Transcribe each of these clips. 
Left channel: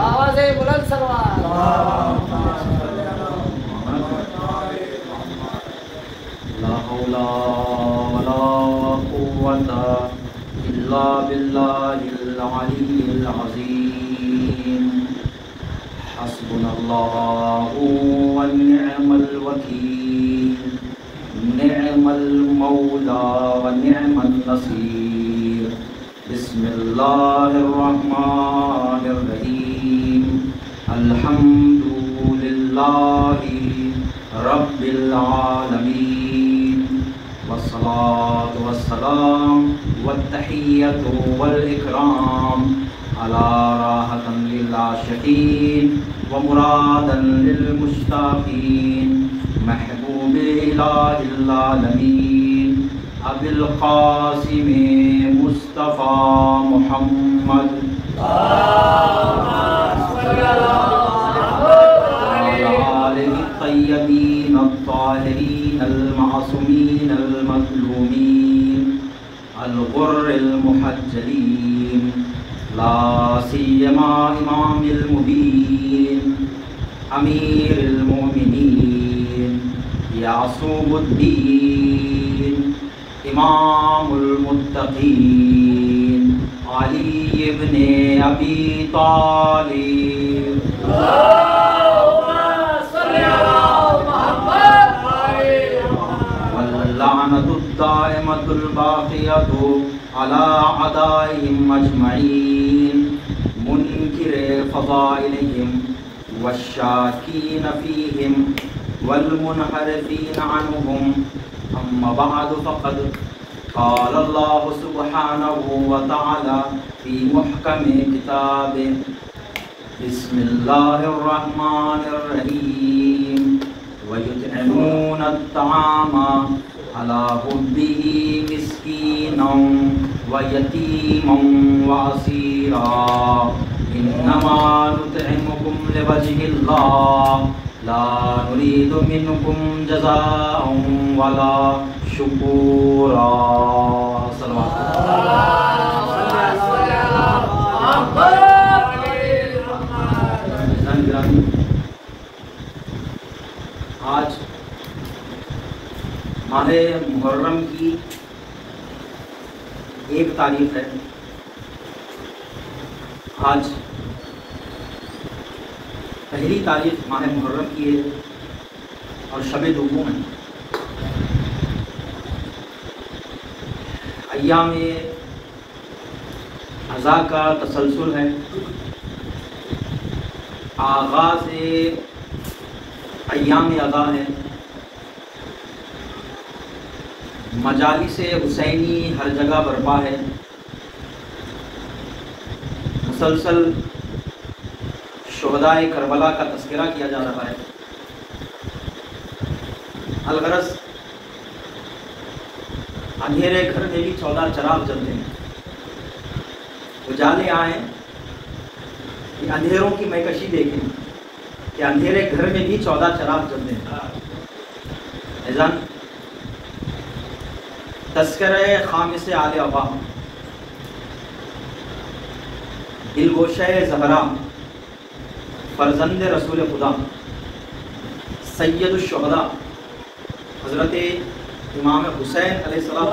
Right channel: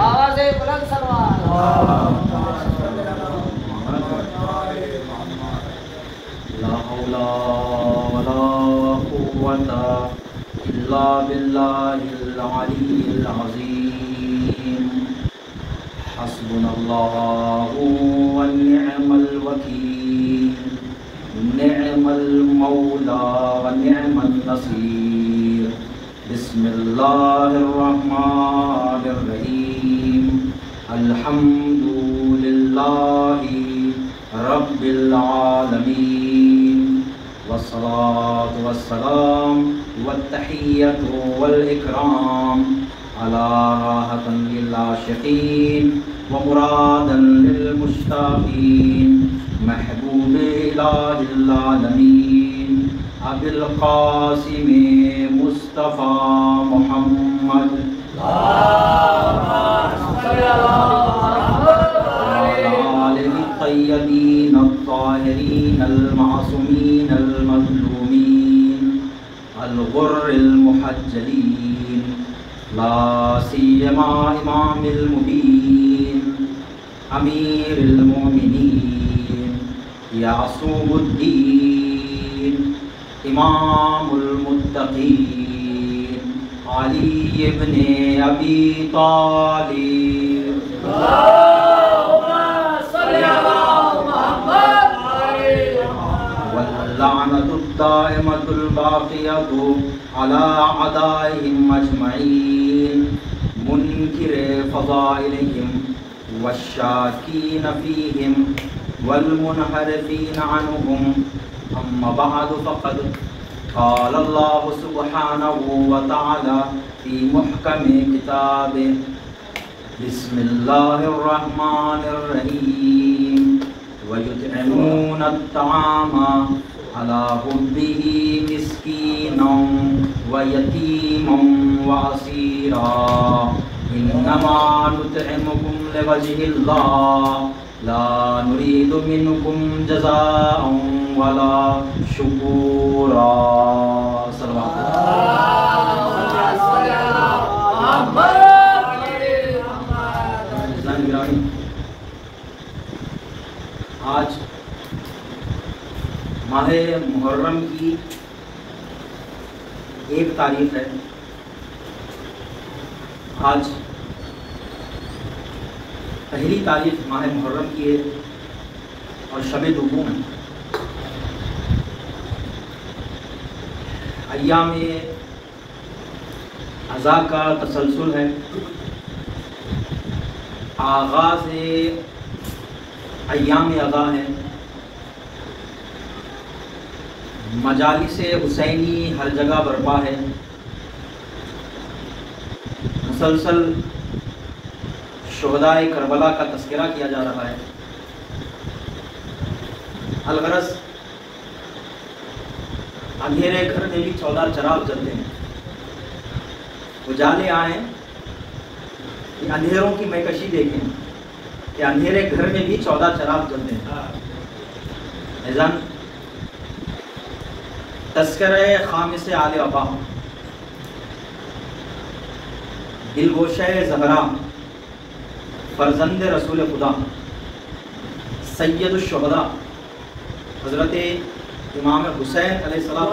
آواز بلند سلوات لا حول ولا قوة إلا بالله العلي العظيم حسبنا الله ونعم الوكيل نعم المولى ونعم النصير بسم الله الرحمن الرحيم الحمد لله رب العالمين والصلاة والسلام والتحية والإكرام على راحة للعاشقين ومرادا للمشتاقين محبوب إله العالمين أبي القاسم مصطفى محمد الطيبين الطاهرين المعصومين المظلومين الغر المحجلين لا سيما إمام المبين أمير المؤمنين يعصوب الدين إمام المتقين علي بن أبي طالب واللعنة الدائمة الباقية على أعدائهم أجمعين منكر فضائلهم والشاكين فيهم والمنحرفين عنهم أما بعد فقد قال الله سبحانه وتعالى في محكم كتابه بسم الله الرحمن الرحيم ويطعمون الطعام على حبه مسكينا ويتيما وأسيرا إنما نطعمكم لوجه الله لا نريد منكم جزاء ولا شكورا صلوات آج ماہ محرم کی ایک تاریخ ہے. آج پہلی تاریخ ماہ محرم کی ہے اور شب دوم ہے. ایام عزا کا تسلسل ہے. آغاز ایام عزا ہے. مجالس حسینی ہر جگہ برپا ہے. مسلسل شہداء کربلا کا تذکرہ کیا جا رہا ہے. الغرض اندھیرے گھر میں بھی 14 چراغ جلتے ہیں. اجالے آئیں کہ اندھیروں کی مہکشی دیکھیں کہ اندھیرے گھر میں بھی 14 چراغ جلتے ہیں. اذان تذکرہ خامس آل ابا دلگوشہ زہرا فرزند رسول خدا سید الشہداء حضرت امام حسین علیہ السلام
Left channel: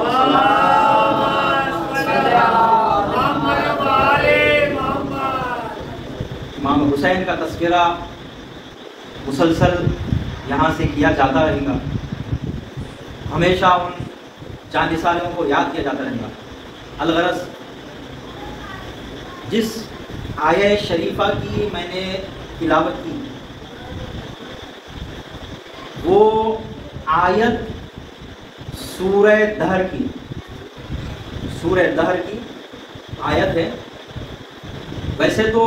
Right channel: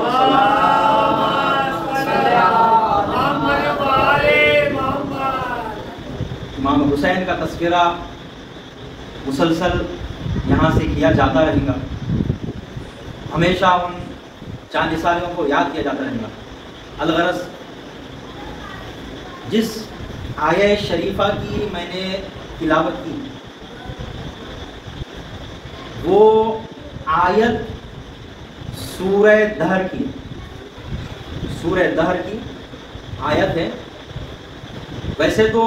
امام حسین کا تذکرہ مسلسل یہاں سے کیا جاتا رہے گا. ہمیشہ ان چاند سالوں کو یاد کیا جاتا رہے گا. الغرض جس آیہ شریفہ کی میں نے تلاوت کی وہ آیت سورہ دہر کی آیت ہے. ویسے تو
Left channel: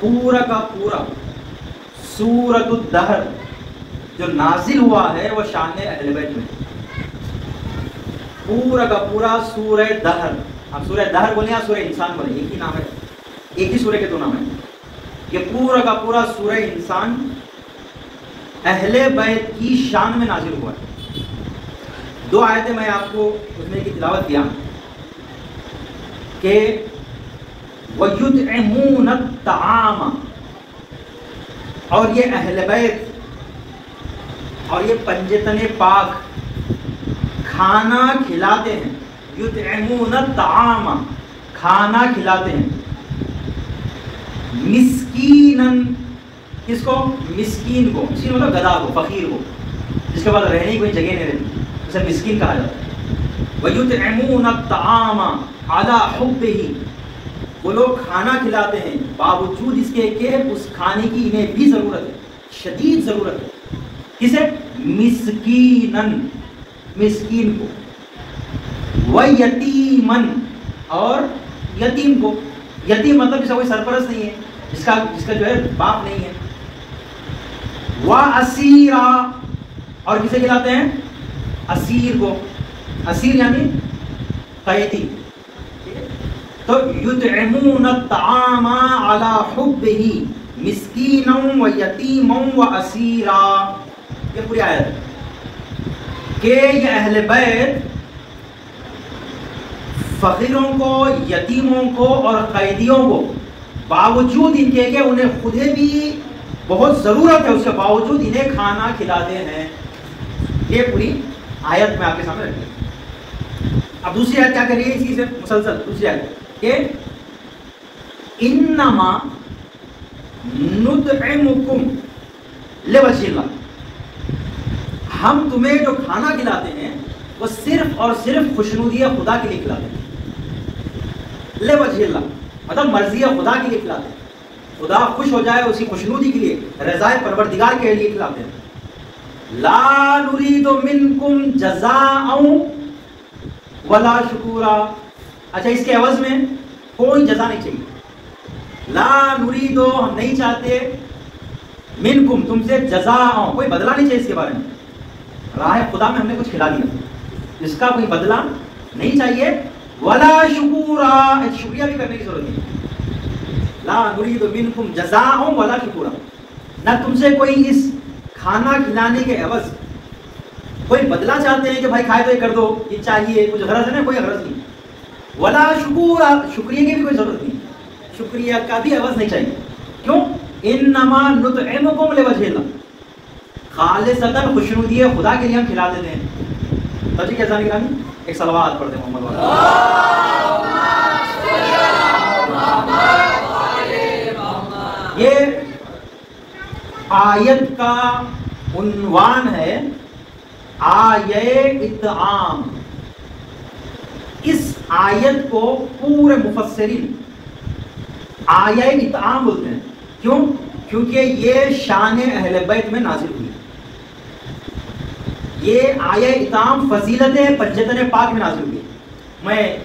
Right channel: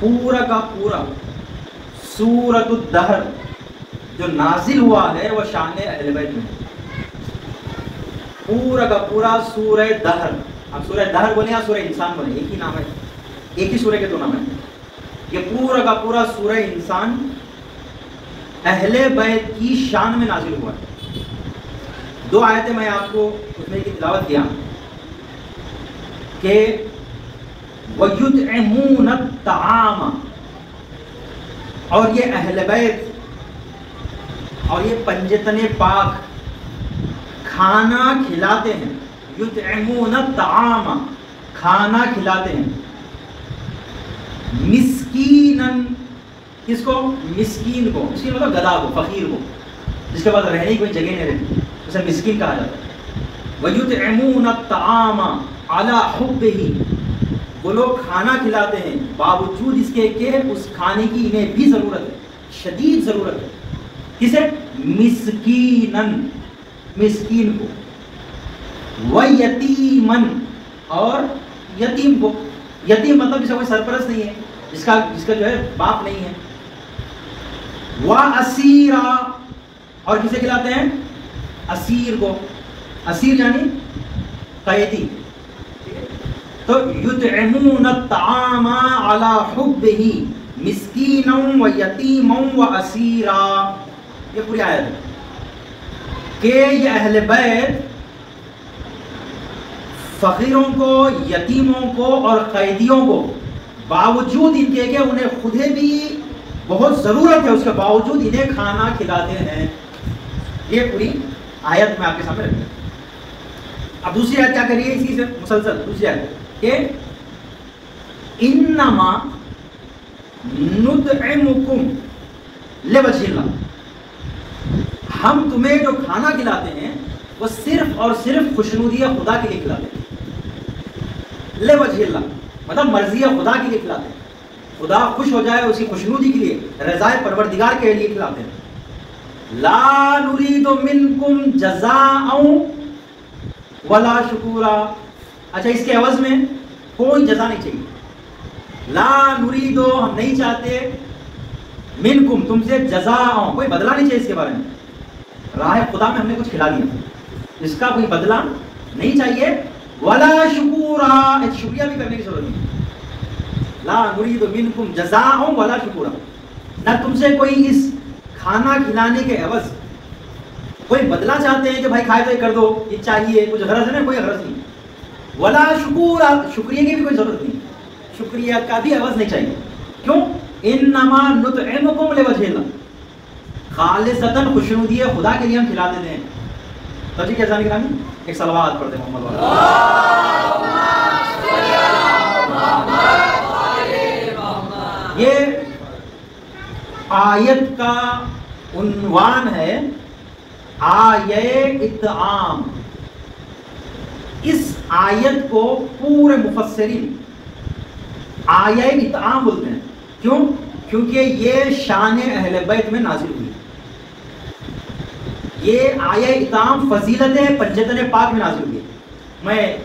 پورا کا پورا سورۃ الدہر جو نازل ہوا ہے وہ شان اہل بیت میں. پورا کا پورا سورہ دہر. اب سورہ دہر بولے یا سورہ انسان بولے ایک ہی نام ہے, ایک ہی سورہ کے دو نام ہے. یہ پورا کا پورا سورہ انسان اہل بیت کی شان میں نازل ہوا ہے. 2 آیتیں میں آپ کو اس میں کی تلاوت کیا کہ وَيُطْعِمُونَ الطَّعَامَ، اور یہ اہل بیت اور یہ پنجتن پاک کھانا کھلاتے ہیں. یطعمون الطعام، کھانا کھلاتے ہیں. مسکینن، کس کو؟ مسکین کو. مسکین مطلب گدھا کو، فقیر کو، جس کے بعد رہنے کی کوئی جگہ نہیں رہتی، اسے مسکین کہا جاتا ہے. وَيُطْعِمُونَ الطَّعَامَ عَلَى حُبِّهِ، وہ لوگ کھانا کھلاتے ہیں باوجود اس کے کہ اس کھانے کی انہیں بھی ضرورت ہے، شدید ضرورت ہے. کسے؟ مسکینن، مسکین کو. وَيَتِیمًا، اور یتیم کو. یتیم مطلب جس کا کوئی سرپرست نہیں ہے، جس کا جو ہے باپ نہیں ہے. وَأَسِیرًا، اور کسے کھلاتے ہیں؟ اسیر کو. اسیر یعنی قیدی. تو یطعمون الطعام علی حبہ مسکینا ویتیما واسیرا، یہ پوری آیت ہے کہ یہ اہل بیت فقیروں کو، یتیموں کو اور قیدیوں کو باوجود ان کے کہ انہیں خود بھی بہت ضرورت ہے، اس کے باوجود انہیں کھانا کھلاتے ہیں. یہ پوری آیت میں آپ کے سامنے رکھتے ہیں. اب دوسری آیت کیا کریے اسی سے مسلسل؟ دوسری آیت کہ انما نطعمکم لوجہ اللہ، ہم تمہیں جو کھانا کھلاتے ہیں وہ صرف اور صرف خوشنودی خدا کے لیے کھلاتے ہیں. لوجہ اللہ مطلب مرضی خدا کے لیے کھلاتے ہیں، خدا خوش ہو جائے اسی خوشنودی کے لیے، رضائے پروردگار کے لیے کھلاتے ہیں. لا نريد منکم جزاء ولا شکورا. اچھا، اس کے عوض میں کوئی جزا نہیں چاہیے. لا نريد، ہم نہیں چاہتے، منکم، تم سے جزاء، کوئی بدلہ نہیں چاہیے اس کے بارے میں. راہ خدا میں ہم نے کچھ کھلا دیا، اس کا کوئی بدلہ نہیں چاہیے. ولا شکورا، شکریہ بھی کرنے کی ضرورت نہیں. لا نريد منکم جزاء ولا شکورا، نہ تم سے کوئی اس کھانا کھلانے کے عوض کوئی بدلہ چاہتے ہیں کہ بھائی کھائے تو یہ کر دو، یہ چاہیے، کچھ غرض ہے نا، کوئی غرض نہیں. ولا شکورا، شکریہ کی بھی کوئی ضرورت نہیں، شکریہ کا بھی عوض نہیں چاہیے. کیوں؟ انما نطعمکم لوجہ اللہ، خالصتاً خوشنودی خدا کے لیے ہم کھلا دیتے ہیں. تو جی کیسا نگرانی ایک صلوات پڑھتے ہیں محمد والا. یہ آیت کا عنوان ہے آیہ اطعام. اس آیت کو پورے مفسرین آیہ اطعام بولتے ہیں. کیوں؟ کیونکہ یہ شان اہل بیت میں نازل ہوئی. یہ آیہ اطعام فضیلت پنجتن پاک میں نازل ہوئی. میں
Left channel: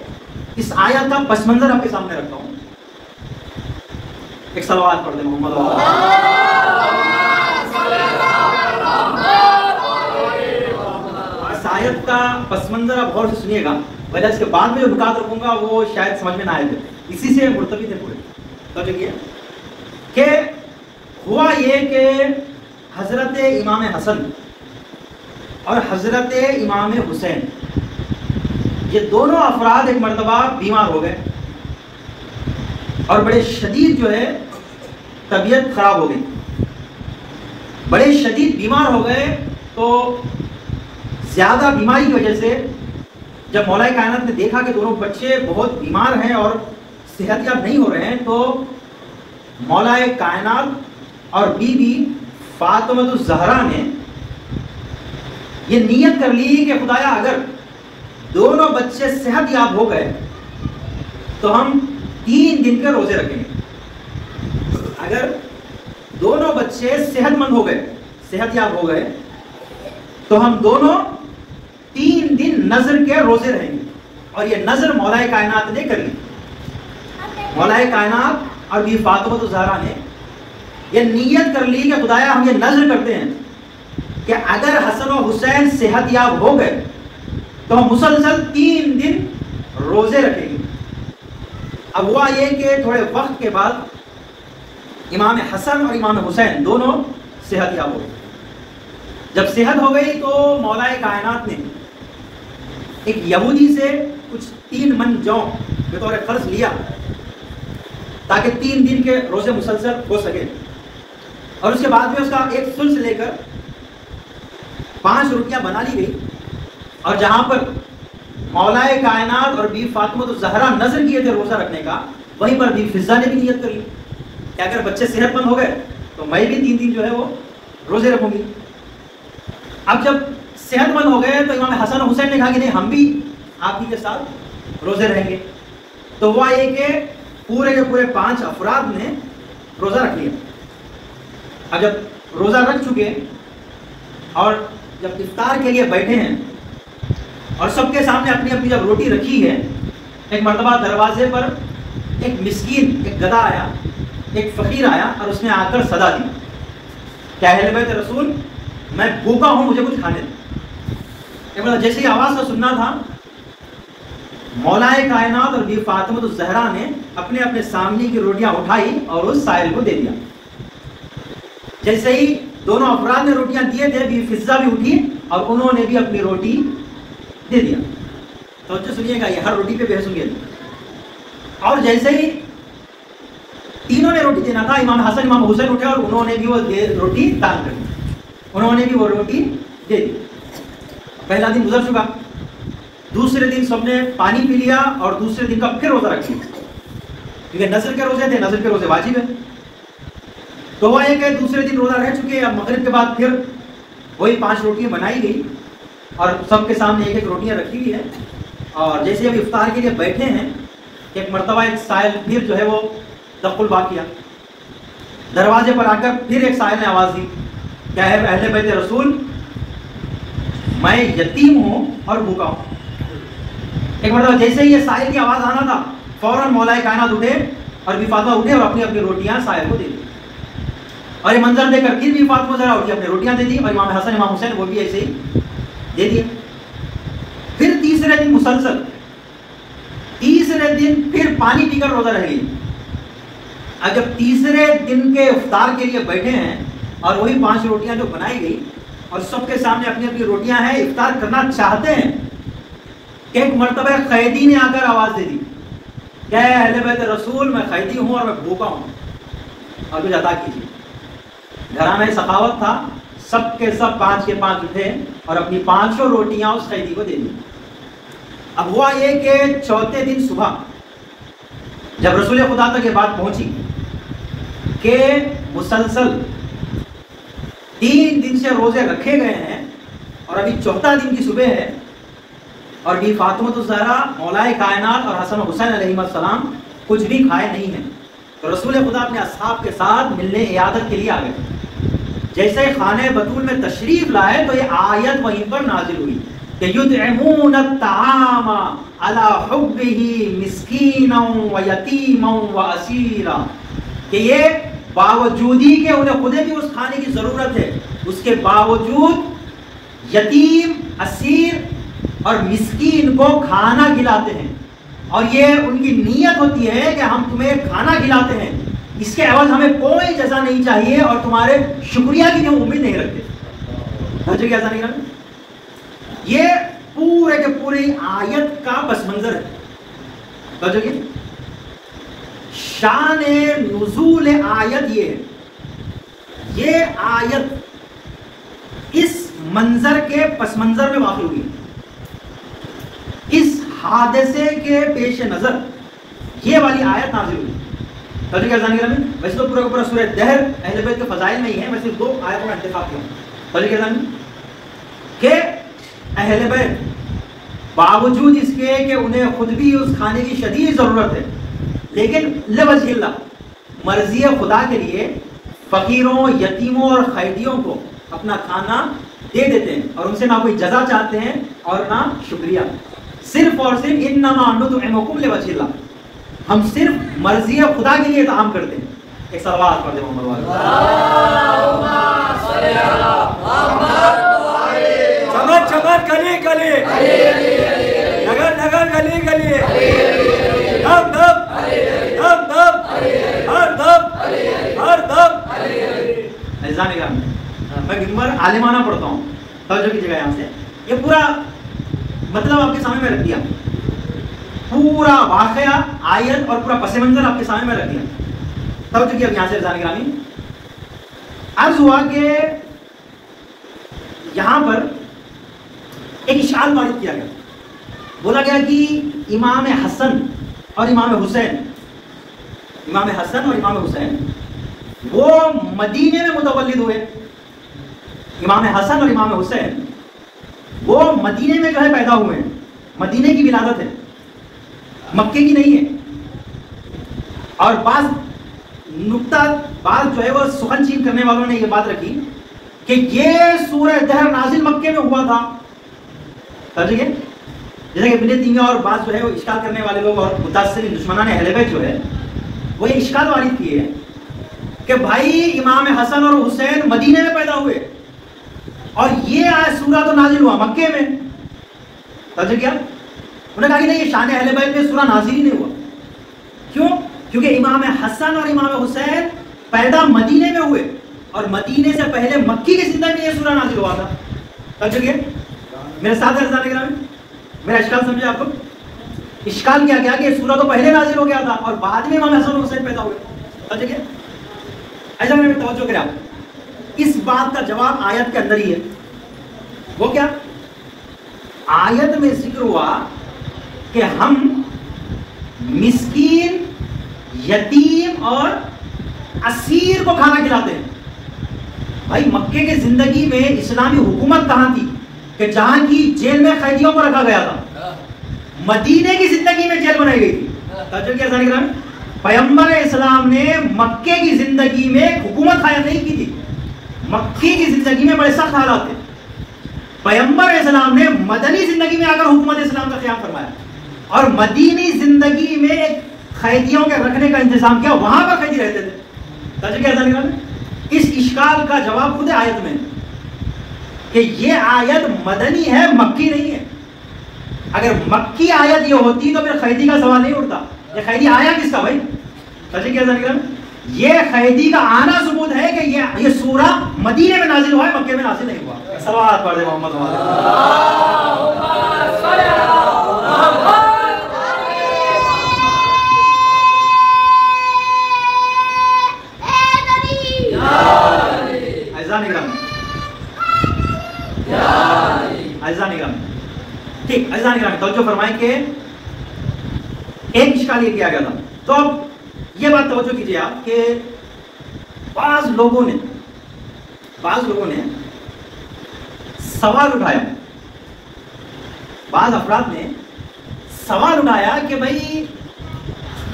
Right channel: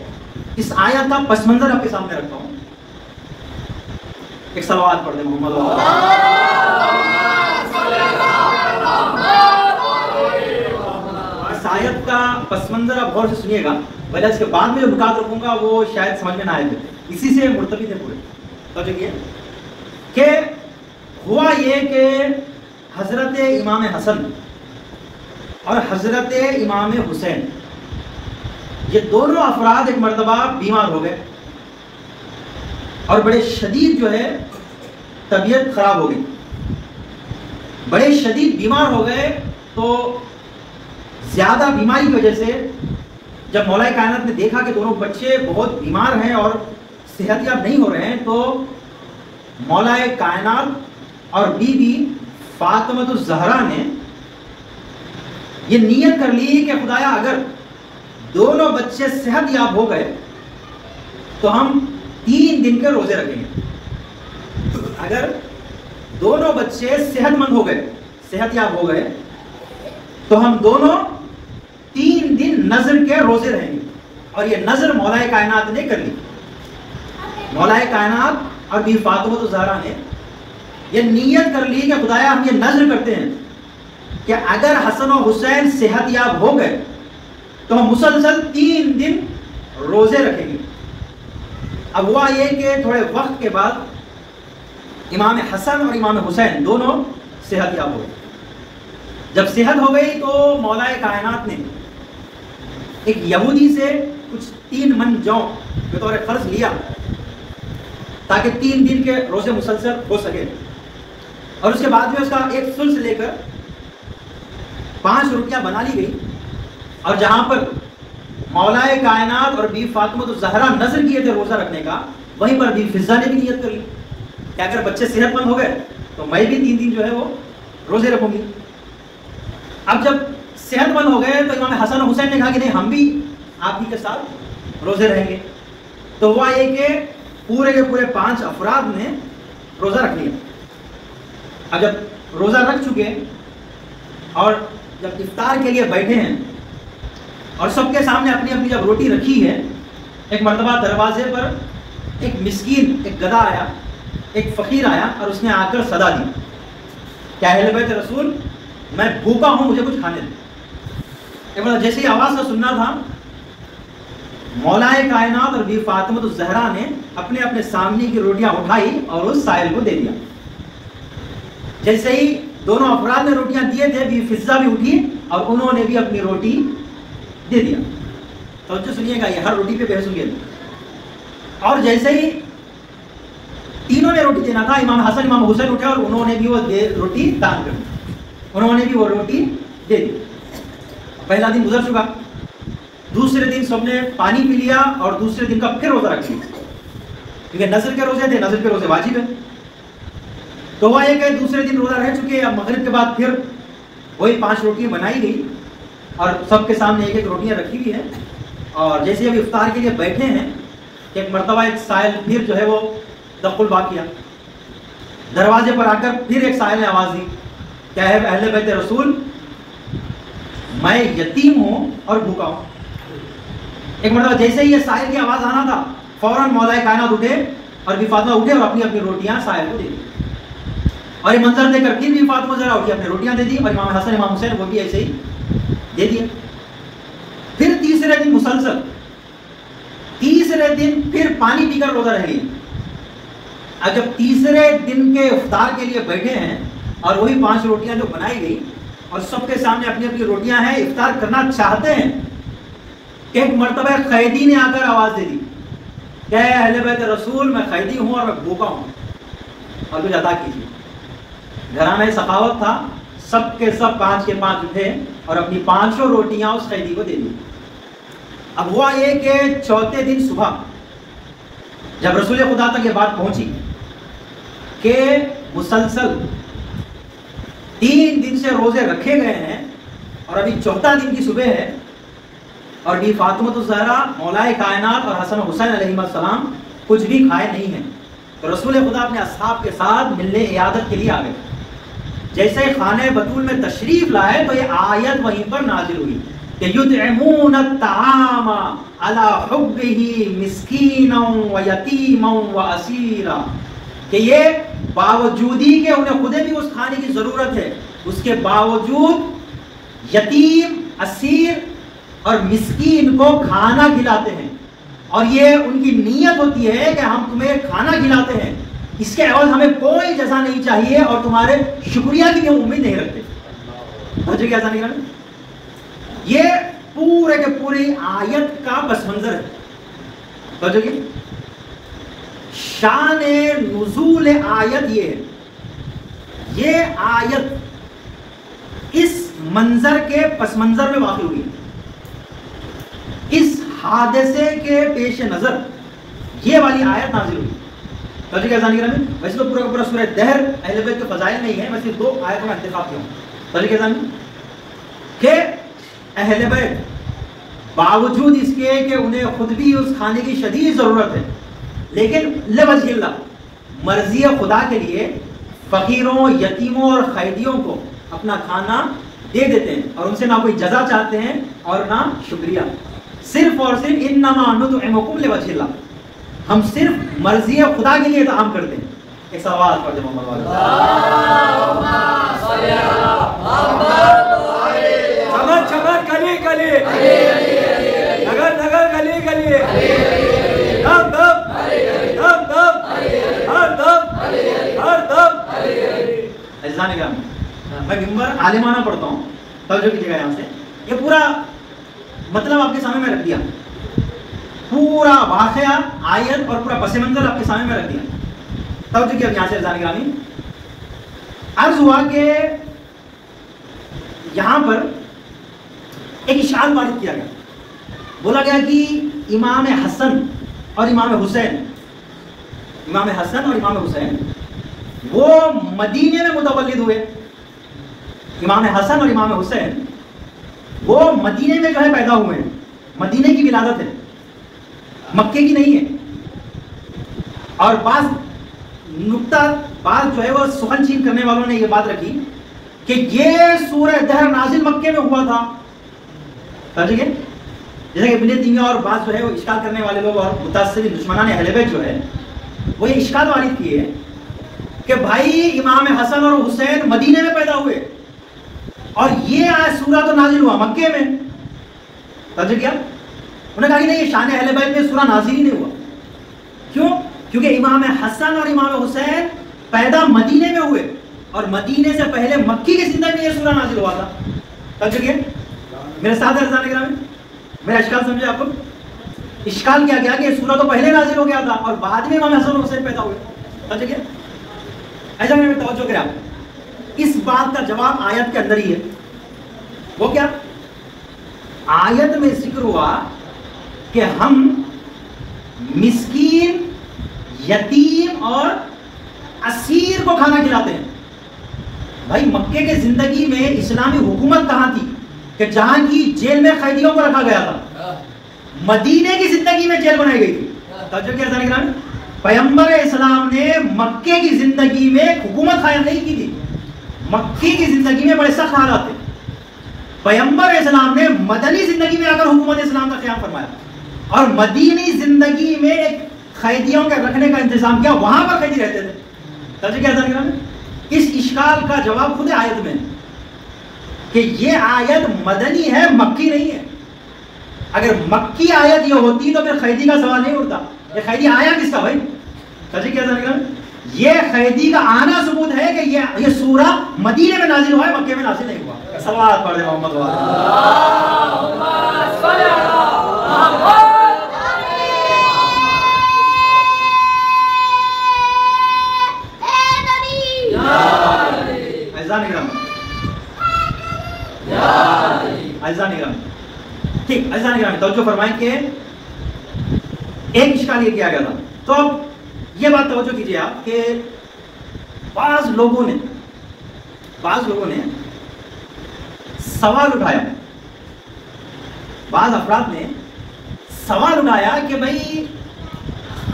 اس آیت کا پس منظر آپ کے سامنے رکھتا ہوں. ایک صلوات پڑھتے ہیں محمد والا. اس آیت کا پس منظر آپ غور سے سنیے گا، وجہ اس کے بعد میں جو نکات رکھوں گا وہ شاید سمجھ میں نہ آئے تھے، اسی سے مرتبط ہے پورے. سمجھ گئے کہ ہوا یہ کہ حضرت امام حسن اور حضرت امام حسین، یہ دونوں افراد ایک مرتبہ بیمار ہو گئے اور بڑے شدید جو ہے طبیعت خراب ہو گئی. بڑے شدید بیمار ہو گئے تو زیادہ بیماری کی وجہ سے جب مولا کائنات نے دیکھا کہ دونوں بچے بہت بیمار ہیں اور صحت یاب نہیں ہو رہے ہیں، تو مولا کائنات اور بی بی فاطمہ الزہرا نے یہ نیت کر لی کہ خدایا اگر دونوں بچے صحت یاب ہو گئے تو ہم 3 دن کے روزے رکھیں گے. اگر دونوں بچے صحت مند ہو گئے، صحت یاب ہو گئے، تو ہم دونوں 3 دن نظر کے روزے رہیں گے. اور یہ نظر مولا کائنات نے کر لی. مولا کائنات اور بی فاطمہ الزہرا نے یہ نیت کر لی کہ خدایا ہم یہ نظر کرتے ہیں کہ اگر حسن و حسین صحت یاب ہو گئے تو ہم مسلسل 3 دن روزے رکھیں گے. اب ہوا یہ کہ تھوڑے وقت کے بعد امام حسن اور امام حسین دونوں صحت یاب ہو گئے. جب صحت ہو گئی تو مولا کائنات نے ایک یہودی سے کچھ 3 من جو بطور قرض لیا تاکہ 3 دن کے روزے مسلسل ہو سکے. اور اس کے بعد میں اس کا ایک سلس لے کر 5 روٹیاں بنا لی گئی, اور جہاں پر مولائے کائنات اور بی فاطمہ الزہرا نظر کیے تھے روزہ رکھنے کا, وہیں پر بی فضہ نے بھی نیت کر لی کہ اگر بچے صحت مند ہو گئے تو میں بھی 3 دن جو ہے وہ روزے رکھوں گی. اب جب صحت مند ہو گئے تو امام حسن اور حسین نے کہا کہ نہیں, ہم بھی آپ ہی کے ساتھ روزے رہیں گے. تو ہوا یہ کہ پورے کے پورے 5 افراد نے روزہ رکھ لیا. اب جب روزہ رکھ چکے اور جب افطار کے لیے بیٹھے ہیں اور سب کے سامنے اپنی اپنی جب روٹی رکھی ہے, ایک مرتبہ دروازے پر ایک مسکین, ایک گدھا آیا, ایک فقیر آیا اور اس نے آ کر صدا دی کہ اہل بیت رسول میں بھوکا ہوں, مجھے کچھ کھانے دیں. جیسے ہی آواز کا سننا تھا, مولائے کائنات اور بی فاطمہ الزہرا نے اپنے اپنے سامنے کی روٹیاں اٹھائی اور اس سائل کو دے دیا. جیسے ہی دونوں افراد نے روٹیاں دیے تھے, بی فضہ بھی اٹھی اور انہوں نے بھی اپنی روٹی دے دیا. توجہ سنیے گا, یہ ہر روٹی پہ بحث ہوئی ہے. اور جیسے ہی تینوں نے روٹی دینا تھا, امام حسن امام حسین اٹھے اور انہوں نے بھی وہ روٹی دان کر دی, انہوں نے بھی وہ روٹی دے دی. پہلا دن گزر چکا, دوسرے دن سب نے پانی پی لیا اور دوسرے دن کا پھر روزہ رکھ لیا, کیونکہ نظر کے روزے تھے, نظر کے روزے واجب ہے. تو ہوا یہ کہ دوسرے دن روزہ رہ چکے, اب مغرب کے بعد پھر وہی 5 روٹیاں بنائی گئی اور سب کے سامنے ایک ایک روٹیاں رکھی ہوئی ہے. اور جیسے اب افطار کے لیے بیٹھے ہیں کہ ایک مرتبہ ایک سائل پھر جو ہے وہ دخل با کیا. دروازے پر آ کر پھر ایک سائل نے آواز دی کہ اہل بیت رسول میں یتیم ہوں اور بھوکا ہوں. ایک مرتبہ جیسے ہی یہ سائل کی آواز آنا تھا, فوراً مولائے کائنات اٹھے اور بی فاطمہ اٹھے اور اپنی اپنی روٹیاں سائل کو دے دی. اور یہ منظر دے کر پھر بی فاطمہ ذرا اٹھی, اپنی روٹیاں دے دی, اور امام حسن امام حسین وہ بھی ایسے ہی دے دیا. پھر تیسرے دن مسلسل, تیسرے دن پھر پانی پی کر روزہ رہ گئی. اب جب تیسرے دن کے افطار کے لیے بیٹھے ہیں اور وہی 5 روٹیاں جو بنائی گئی اور سب کے سامنے اپنی اپنی روٹیاں ہیں, افطار کرنا چاہتے ہیں کہ ایک مرتبہ قیدی نے آ کر آواز دے دی کہ اہل بیت رسول میں قیدی ہوں اور میں بھوکا ہوں اور کچھ عطا کیجیے. گھرانے سخاوت تھا, سب کے سب 5 کے 5 اٹھے اور اپنی 5 روٹیاں اس قیدی کو دے دی. اب ہوا یہ کہ چوتھے دن صبح جب رسول خدا تک یہ بات پہنچی کہ مسلسل 3 دن سے روزے رکھے گئے ہیں اور ابھی 4تھا دن کی صبح ہے اور بی فاطمہ الزہرا مولائے کائنات اور حسن حسین علیہ السلام کچھ بھی کھائے نہیں ہیں, تو رسول خدا اپنے اصحاب کے ساتھ ملنے عیادت کے لیے آ گئے. جیسے خانہ بطول میں تشریف لائے تو یہ آیت وہیں پر نازل ہوئی کہ یطعمون الطعام علی حبہ مسکینا و یتیما و اسیرا, کہ یہ باوجودی کہ انہیں خود بھی اس کھانے کی ضرورت ہے, اس کے باوجود یتیم, اسیر اور مسکین کو کھانا کھلاتے ہیں. اور یہ ان کی نیت ہوتی ہے کہ ہم تمہیں کھانا کھلاتے ہیں, اس کے عوض ہمیں کوئی جزا نہیں چاہیے اور تمہارے شکریہ کی جو امید نہیں رکھتے. مجھے کیا نہیں کرنا, یہ پورے کے پوری آیت کا پس منظر ہے. سمجھو گے شان نزول آیت یہ ہے, یہ آیت اس منظر کے پس منظر میں واقع ہوئی, اس حادثے کے پیش نظر یہ والی آیت نازل ہوئی. توجہ کیا جانیں گے, ویسے تو پورا کا پورا سورہ دہر اہل بیت کے فضائل میں ہی ہے, میں صرف 2 آیتوں کا انتخاب کیا ہوں. توجہ کیا جانیں کہ اہل بیت باوجود اس کے کہ انہیں خود بھی اس کھانے کی شدید ضرورت ہے, لیکن لوجہ اللہ مرضی خدا کے لیے فقیروں, یتیموں اور قیدیوں کو اپنا کھانا دے دیتے ہیں اور ان سے نہ کوئی جزا چاہتے ہیں اور نہ شکریہ, صرف اور صرف انما نطعمکم لوجہ اللہ, ہم صرف مرضی خدا کے لیے اطعام کرتے ہیں. ایک سوال پڑھ دیں محمد, چمک چمک گلی گلی, نگر نگر گلی گلی, دم دم دم دم, ہر دم ہر دم. عزیزان کرام, میں ممبر عالمانہ پڑھتا ہوں, توجہ کیجیے گا یہاں سے, یہ پورا مطلب آپ کے سامنے میں رکھ دیا, پورا واقعہ آیت اور پورا پس منظر آپ کے سامنے میں رکھ دیا. توجہ کیا یہاں سے عزیزان گرامی، عرض ہوا کہ یہاں پر ایک اشکال وارد کیا گیا، بولا گیا کہ امام حسن اور امام حسین، امام حسن اور امام حسین وہ مدینے میں متولد ہوئے، امام حسن اور امام حسین وہ مدینے میں جو ہے پیدا ہوئے ہیں، مدینے کی ولادت ہے، مکے کی نہیں ہے۔ اور بعض نقطہ بعض جو ہے وہ سخن چین کرنے والوں نے یہ بات رکھی کہ یہ سورہ دہر نازل مکے میں ہوا تھا، جیسے کہ ابن تیمیہ اور بعض جو ہے وہ اشکال کرنے والے لوگ اور متاثرین دشمنان اہل بیت جو ہے وہ یہ اشکال وارد کیے ہیں کہ بھائی امام حسن اور حسین مدینے میں پیدا ہوئے اور یہ سورہ تو نازل ہوا مکے میں، توجہ کیا؟ انہوں نے کہا کہ نہیں، یہ شان اہل بیت میں سورہ نازل ہی نہیں ہوا۔ کیوں؟ کیونکہ امام حسن اور امام حسین پیدا مدینے میں ہوئے اور مدینے سے پہلے مکی کی زندگی میں یہ سورہ نازل ہوا تھا، توجہ کیا؟ میرے ساتھ عزیزان گرامی، میرا اشکال سمجھے آپ کو؟ اشکال کیا گیا کہ یہ سورہ تو پہلے نازل ہو گیا تھا اور بعد میں امام حسن اور حسین پیدا ہوئے، توجہ کیا؟ ایسا میں توجہ کریں آپ، اس بات کا جواب آیت کے اندر ہی ہے۔ وہ کیا؟ آیت میں ذکر ہوا کہ ہم مسکین، یتیم اور اسیر کو کھانا کھلاتے ہیں۔ بھائی مکے کے زندگی میں اسلامی حکومت کہاں تھی کہ جہاں کی جیل میں قیدیوں کو رکھا گیا تھا؟ مدینے کی زندگی میں جیل بنائی گئی تھی، توجہ کیا عزیزان گرامی؟ پیغمبر اسلام نے مکے کی زندگی میں حکومت قائم نہیں کی تھی، مکے کی زندگی میں بڑے سخت حالات تھے، پیغمبر اسلام نے مدنی زندگی میں آ کر حکومت اسلام کا قیام فرمایا اور مدینی زندگی میں ایک قیدیوں کے رکھنے کا انتظام کیا، وہاں پر قیدی رہتے تھے، توجہ کیا عزیزان گرامی؟ اس اشکال کا جواب خود آیت میں کہ یہ آیت مدنی ہے، مکی نہیں ہے۔ اگر مکی آیت یہ ہوتی تو پھر قیدی کا سوال نہیں اٹھتا، یہ قیدی آیا کس کا بھائی؟ توجہ کیا عزیزان گرامی؟ یہ قیدی کا آنا ثبوت ہے کہ یہ سورہ مدینے میں نازل ہوا ہے، مکے میں نازل نہیں ہوا۔ صلوات پڑھ دیں محمد ٹھیک عزیزان گرامی توجہ فرمائیں کہ ایک اشکال یہ کیا گیا تھا، تو اب یہ بات توجہ کیجئے آپ کہ بعض لوگوں نے سوال اٹھایا، بعض افراد نے سوال اٹھایا کہ بھئی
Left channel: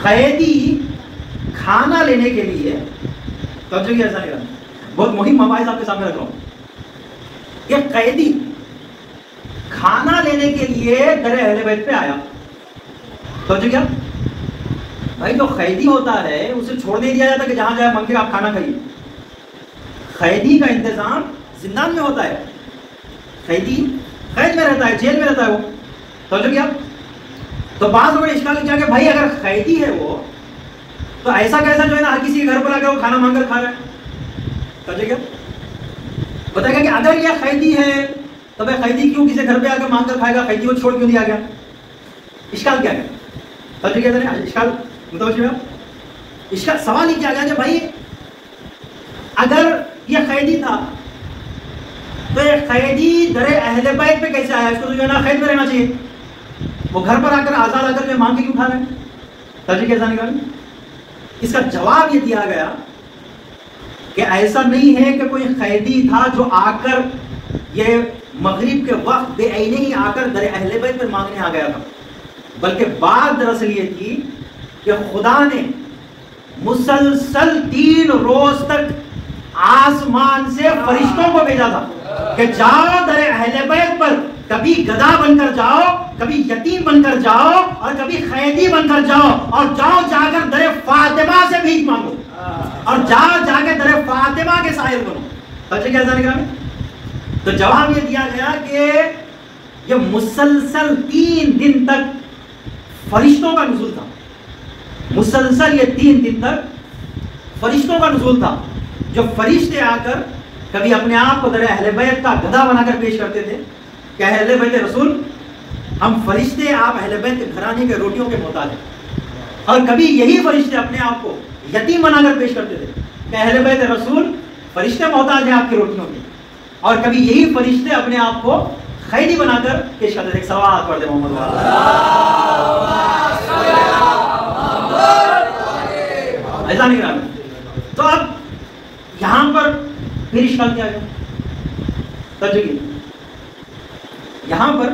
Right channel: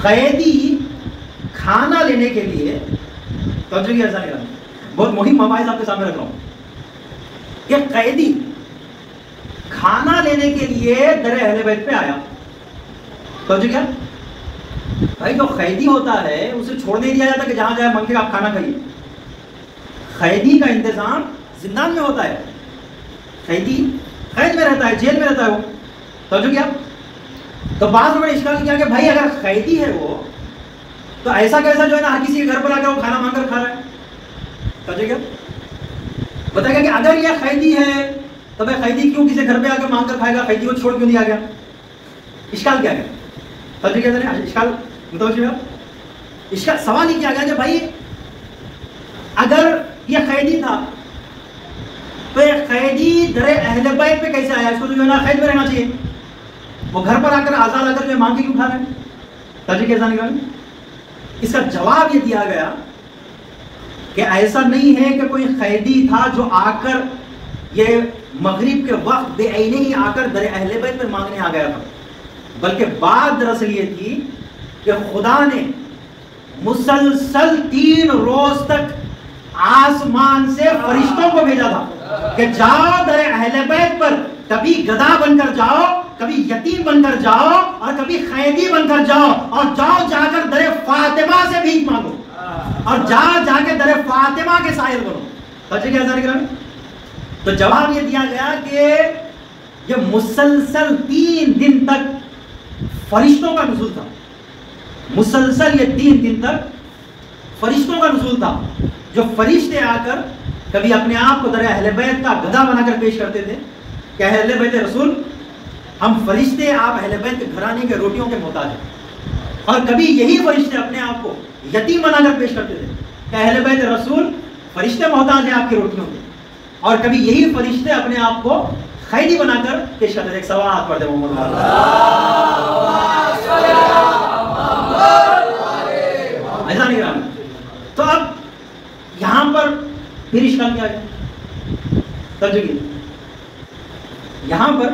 قیدی کھانا لینے کے لیے، توجہ کیا عزیزان گرامی، بہت مہم مباحث آپ کے سامنے رکھ رہا ہوں کہ قیدی کھانا لینے کے لیے در اہل بیت پہ آیا، توجہ کیا؟ بھائی جو قیدی ہوتا ہے اسے چھوڑ نہیں دیا جاتا کہ جہاں جائے منگے آپ کھانا کھائیے، قیدی کا انتظام زندان میں ہوتا ہے، قیدی قید میں رہتا ہے، جیل میں رہتا ہے وہ، توجہ کیا؟ تو بعض لوگوں نے اشکال کیا کہ بھائی اگر قیدی ہے وہ تو ایسا کیسا جو ہے نا ہر کسی کے گھر پر آ کے وہ کھانا مانگ کر کھا رہا ہے، توجہ کیا؟ بتائے گا کہ اگر یہ قیدی ہے تو بھائی قیدی کیوں کسی گھر پہ آ کے مانگ کر کھائے گا، قیدی کو چھوڑ کیوں دیا گیا؟ اشکال کیا ہے؟ توجہ کیا ہے؟ اشکال متوجہ ہے؟ اشکال سوال ہی کیا گیا کہ بھائی اگر یہ قیدی تھا تو یہ قیدی در اہل بیت پہ کیسے آیا؟ اس کو جو ہے نا قید میں رہنا چاہیے، وہ گھر پر آ کر آزاد آ کر جو مانگ کے کیوں کھا رہے ہیں؟ توجہ کیا ہے؟ اس کا جواب یہ دیا گیا کہ ایسا نہیں ہے کہ کوئی قیدی تھا جو آ کر یہ مغرب کے وقت بے عینی ہی آ کر در اہل بیت میں مانگنے آ گیا تھا، بلکہ بات دراصل یہ تھی کہ خدا نے مسلسل 3 روز تک آسمان سے فرشتوں کو بھیجا تھا کہ جاؤ در اہل بیت پر، کبھی گدھا بن کر جاؤ، کبھی یتیم بن کر جاؤ اور کبھی قیدی بن کر جاؤ، اور جاؤ جا کر در فاطمہ سے بھیک مانگو اور جاؤ جا کے در فاطمہ کے سائل بنو، سچے کیا عزیزان گرامی؟ تو جواب یہ دیا گیا کہ یہ مسلسل 3 دن تک فرشتوں کا نزول تھا، مسلسل یہ 3 دن تک فرشتوں کا نزول تھا، جو فرشتے آ کر کبھی اپنے آپ کو در اہل بیت کا گدھا بنا کر پیش کرتے تھے کہ اہل بیت رسول ہم فرشتے آپ اہل بیت کے گھرانے کے روٹیوں کے محتاج ہیں، اور کبھی یہی فرشتے اپنے آپ کو یتیم بنا کر پیش کرتے تھے کہ اہل بیت رسول فرشتے محتاج ہیں آپ کی روٹیوں کے، اور کبھی یہی فرشتے اپنے آپ کو خیری بنا کر پیش کرتے تھے. ایک سوال پڑھتے محمد ایسا نہیں کرا. تو اب یہاں پر پھر اشکال کیا ہے؟ توجہ کیجیے، یہاں پر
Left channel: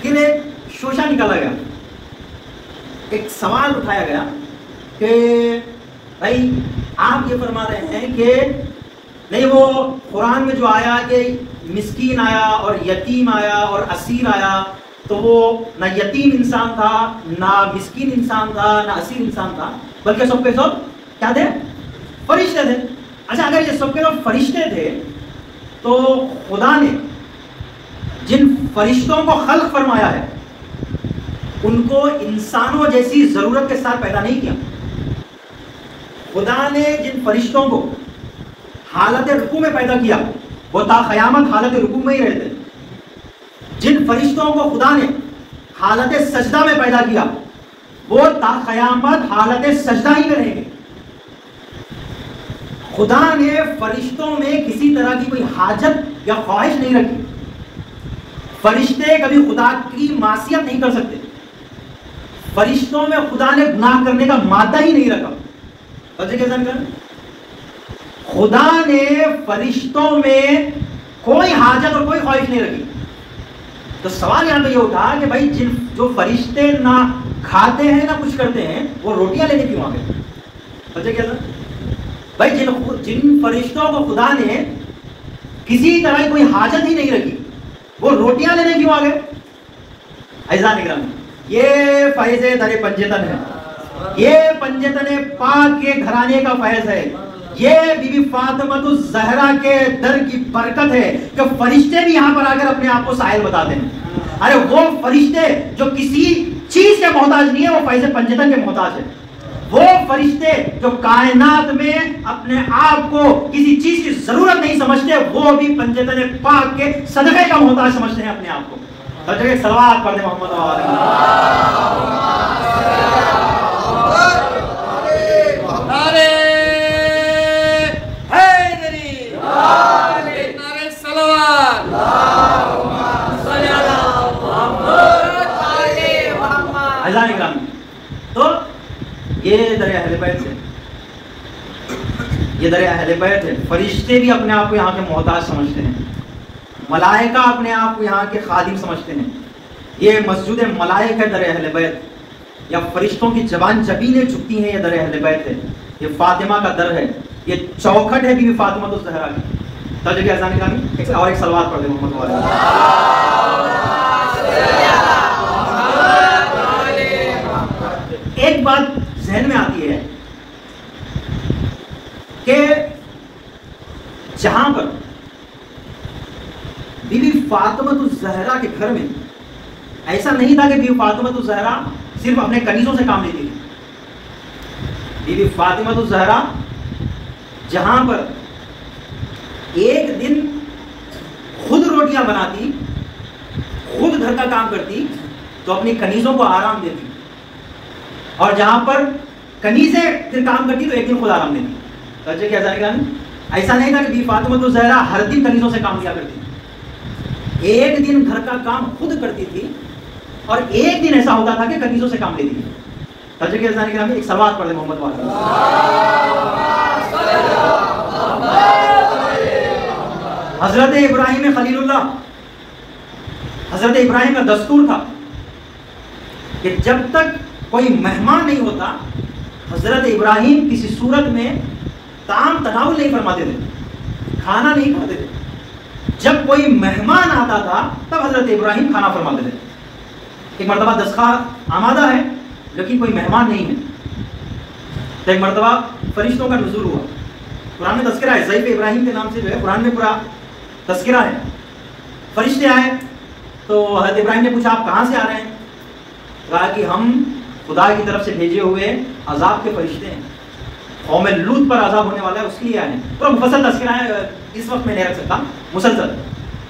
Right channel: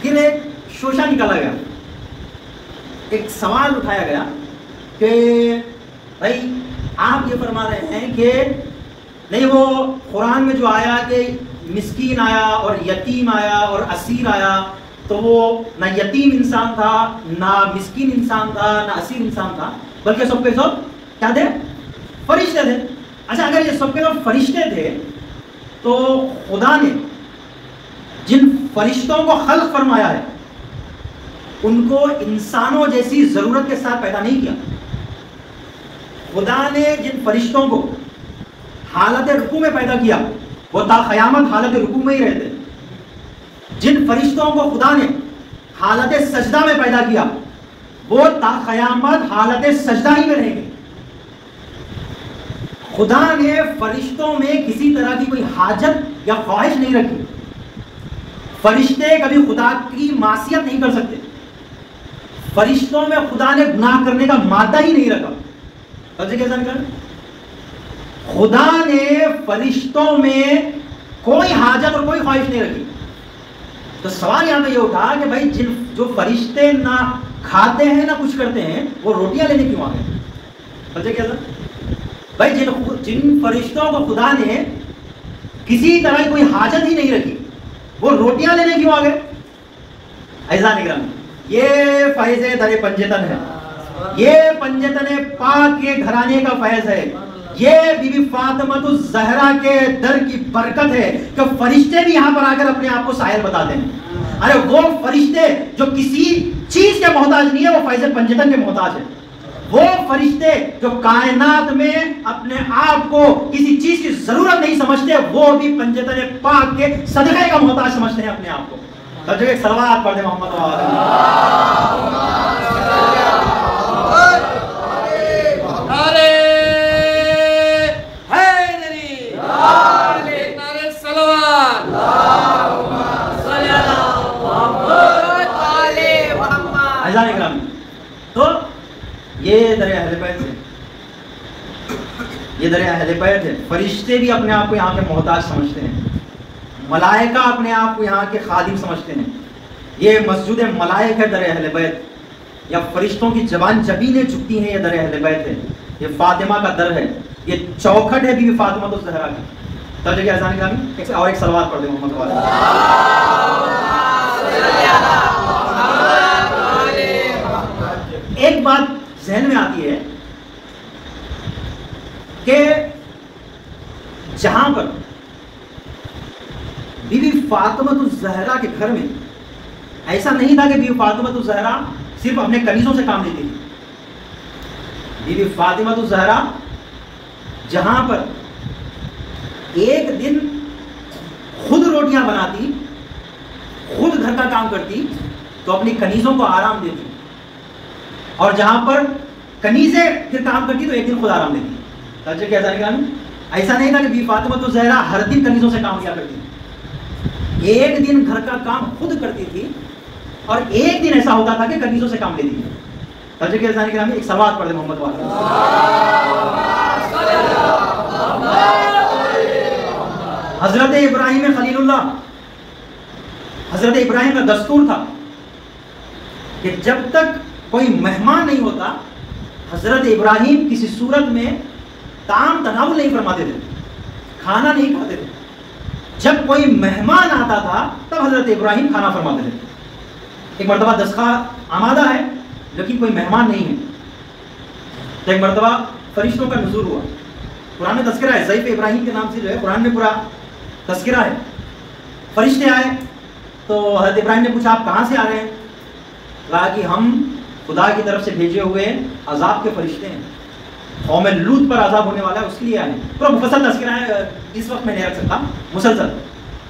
پھر ایک شوشہ نکالا گیا، ایک سوال اٹھایا گیا کہ بھائی آپ یہ فرما رہے ہیں کہ نہیں وہ قرآن میں جو آیا کہ مسکین آیا اور یتیم آیا اور اسیر آیا، تو وہ نہ یتیم انسان تھا، نہ مسکین انسان تھا، نہ اسیر انسان تھا، بلکہ سب کے سب کیا تھے؟ فرشتے تھے. اچھا اگر یہ سب کے سب فرشتے تھے تو خدا نے جن فرشتوں کو خلق فرمایا ہے ان کو انسانوں جیسی ضرورت کے ساتھ پیدا نہیں کیا. خدا نے جن فرشتوں کو حالت رکوع میں پیدا کیا وہ تا قیامت حالت رکوع میں ہی رہتے. جن فرشتوں کو خدا نے حالت سجدہ میں پیدا کیا وہ تا قیامت حالت سجدہ ہی میں رہیں گے. خدا نے فرشتوں میں کسی طرح کی کوئی حاجت یا خواہش نہیں رکھی. فرشتے کبھی خدا کی معصیت نہیں کر سکتے. فرشتوں میں خدا نے گناہ کرنے کا مادہ ہی نہیں رکھا. خدا نے فرشتوں میں کوئی حاجت اور کوئی خواہش نہیں رکھی. تو سوال یہاں پہ یہ اٹھا کہ بھائی جو فرشتے نہ کھاتے ہیں نہ کچھ کرتے ہیں وہ روٹیاں لینے کیوں آ گئے؟ بھائی جن فرشتوں کو خدا نے کسی طرح کی کوئی حاجت ہی نہیں رکھی وہ روٹیاں لینے کیوں آ گئے؟ ایسا نگران یہ فیض در پنجتن ہے، یہ پنجتن پاک کے گھرانے کا فیض ہے، یہ بی بی فاطمہ الزہرا کے در کی برکت ہے کہ فرشتے بھی یہاں پر آ کر اپنے آپ کو سائل بتاتے ہیں. ارے وہ فرشتے جو کسی چیز کے محتاج نہیں ہے وہ فیض پنجتن کے محتاج ہے. وہ فرشتے جو کائنات میں اپنے آپ کو کسی چیز کی ضرورت نہیں سمجھتے وہ بھی پنجتن پاک کے صدقے کا محتاج سمجھتے ہیں اپنے آپ کو. توجہ ایک صلوات پڑھ دیں محمد تو یہ در اہل بیت ہے، یہ در اہل بیت ہے. فرشتے بھی اپنے آپ کو یہاں کے محتاج سمجھتے ہیں، ملائکہ اپنے آپ کو یہاں کے خادم سمجھتے ہیں. یہ مسجد ملائک ہے در اہل بیت، یا فرشتوں کی زبان جبینیں جھکتی ہیں، یہ در اہل بیت ہے. یہ فاطمہ کا در ہے، یہ چوکھٹ ہے بی بی فاطمہ الزہرا کی. توجہ کیا اذان گرامی، اور ایک صلوات پڑھ دیں محمد والے. ایک بات ذہن میں آتی ہے کہ جہاں پر بی بی فاطمہ الزہرا کے گھر میں ایسا نہیں تھا کہ بی بی فاطمہ الزہرا صرف اپنے کنیزوں سے کام لیتی تھی. بی بی فاطمہ الزہرا جہاں پر ایک دن خود روٹیاں بناتی، خود گھر کا کام کرتی، تو اپنی کنیزوں کو آرام دیتی، اور جہاں پر کنیزیں پھر کام کرتی تو ایک دن خود آرام دیتی. توجہ کیا جائے گا؟ ایسا نہیں تھا کہ بی فاطمہ الزہرا ہر دن کنیزوں سے کام کیا کرتی، ایک دن گھر کا کام خود کرتی تھی اور ایک دن ایسا ہوتا تھا کہ کنیزوں سے کام لیتی تھی. توجہ کیا جائے گا؟ ایک سلوات پڑھ دیں محمد والا. حضرت ابراہیم خلیل اللہ، حضرت ابراہیم کا دستور تھا کہ جب تک کوئی مہمان نہیں ہوتا حضرت ابراہیم کسی صورت میں طعام تناول نہیں فرماتے تھے، کھانا نہیں کھاتے تھے. جب کوئی مہمان آتا تھا تب حضرت ابراہیم کھانا فرماتے تھے. ایک مرتبہ دستخوان آمادہ ہے لیکن کوئی مہمان نہیں ہے، تو ایک مرتبہ فرشتوں کا نزول ہوا. قرآن میں تذکرہ ہے، ضیف ابراہیم کے نام سے جو ہے قرآن میں پورا تذکرہ ہے. فرشتے آئے تو حضرت ابراہیم نے پوچھا آپ کہاں سے آ رہے ہیں؟ کہا کہ ہم خدا کی طرف سے بھیجے ہوئے عذاب کے فرشتے ہیں، قوم لوط پر عذاب ہونے والا ہے اس کے لیے آئے ہیں. تو مفصل تذکرہ ہے، اس وقت میں نہیں رکھ سکتا مسلسل.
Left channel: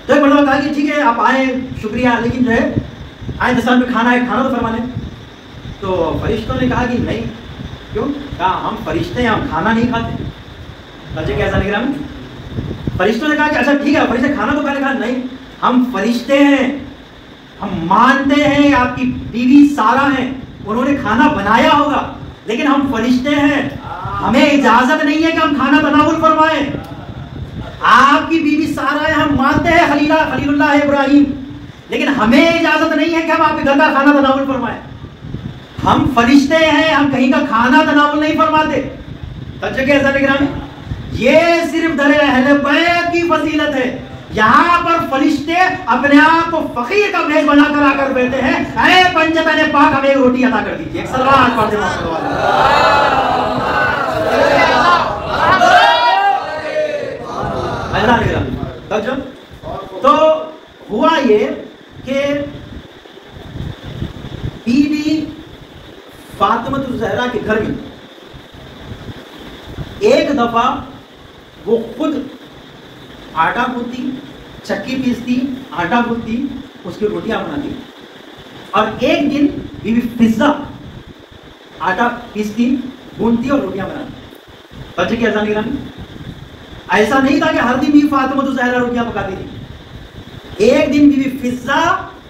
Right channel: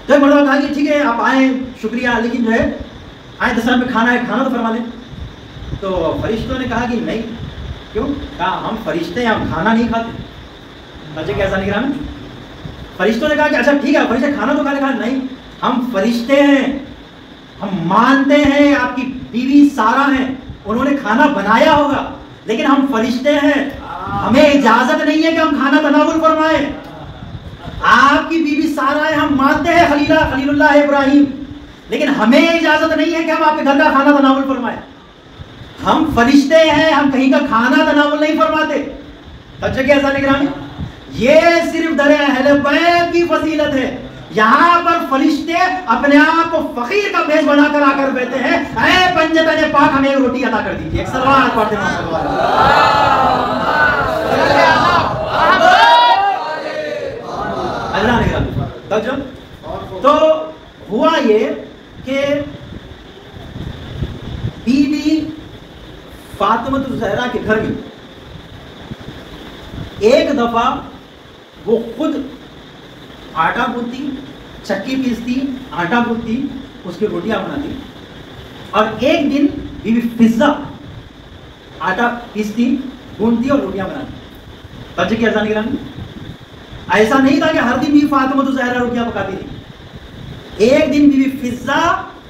تو ایک مرتبہ کہا کہ ٹھیک ہے آپ آئیں شکریہ، لیکن جو ہے آئیں دسترخوان پہ کھانا ہے، کھانا تو فرما دیں. تو فرشتوں نے کہا کہ نہیں، کیوں؟ کہا ہم فرشتے ہیں، ہم کھانا نہیں کھاتے. سمجھے کیسا نگران؟ فرشتوں نے کہا کہ اچھا ٹھیک ہے فرشتے کھانا تو کھانے کھا. نہیں، ہم فرشتے ہیں، ہم مانتے ہیں آپ کی بیوی سارا ہیں، انہوں نے کھانا بنایا ہوگا، لیکن ہم فرشتے ہیں، ہمیں اجازت نہیں ہے کہ ہم کھانا تناول فرمائیں. آپ کی بیوی سارا ہے، ہم مانتے ہیں خلیل اللہ ابراہیم، لیکن ہمیں اجازت نہیں ہے کہ ہم آپ کے گھر کا کھانا تناول فرمائیں. ہم فرشتے ہیں، ہم کہیں کا کھانا تناول نہیں فرماتے. سچے کیسا نگرانی؟ یہ صرف در اہل بیت کی فضیلت ہے. یہاں پر فرشتے اپنے آپ کو فقیر کا میز بنا کر آ کر بیٹھتے ہیں، اے پنجتن پاک ہمیں ایک روٹی عطا کر دیجیے. ایک صلوات پڑھ دیں. تو ہوا یہ کہ بی بی فاطمہ الزہرا کے گھر میں ایک دفعہ وہ خود آٹا گوندتی، چکی پیستی، آٹا گوندتی، اس کی روٹیاں بناتی. اور ایک دن بی بی فضہ آٹا پیستی، گوندتی اور روٹیاں بناتی. بچے کی اذان نگرانی. ایسا نہیں تھا کہ ہر دن بی بی فاطمہ الزہرا روٹیاں پکاتی تھی. ایک دن بی بی فضہ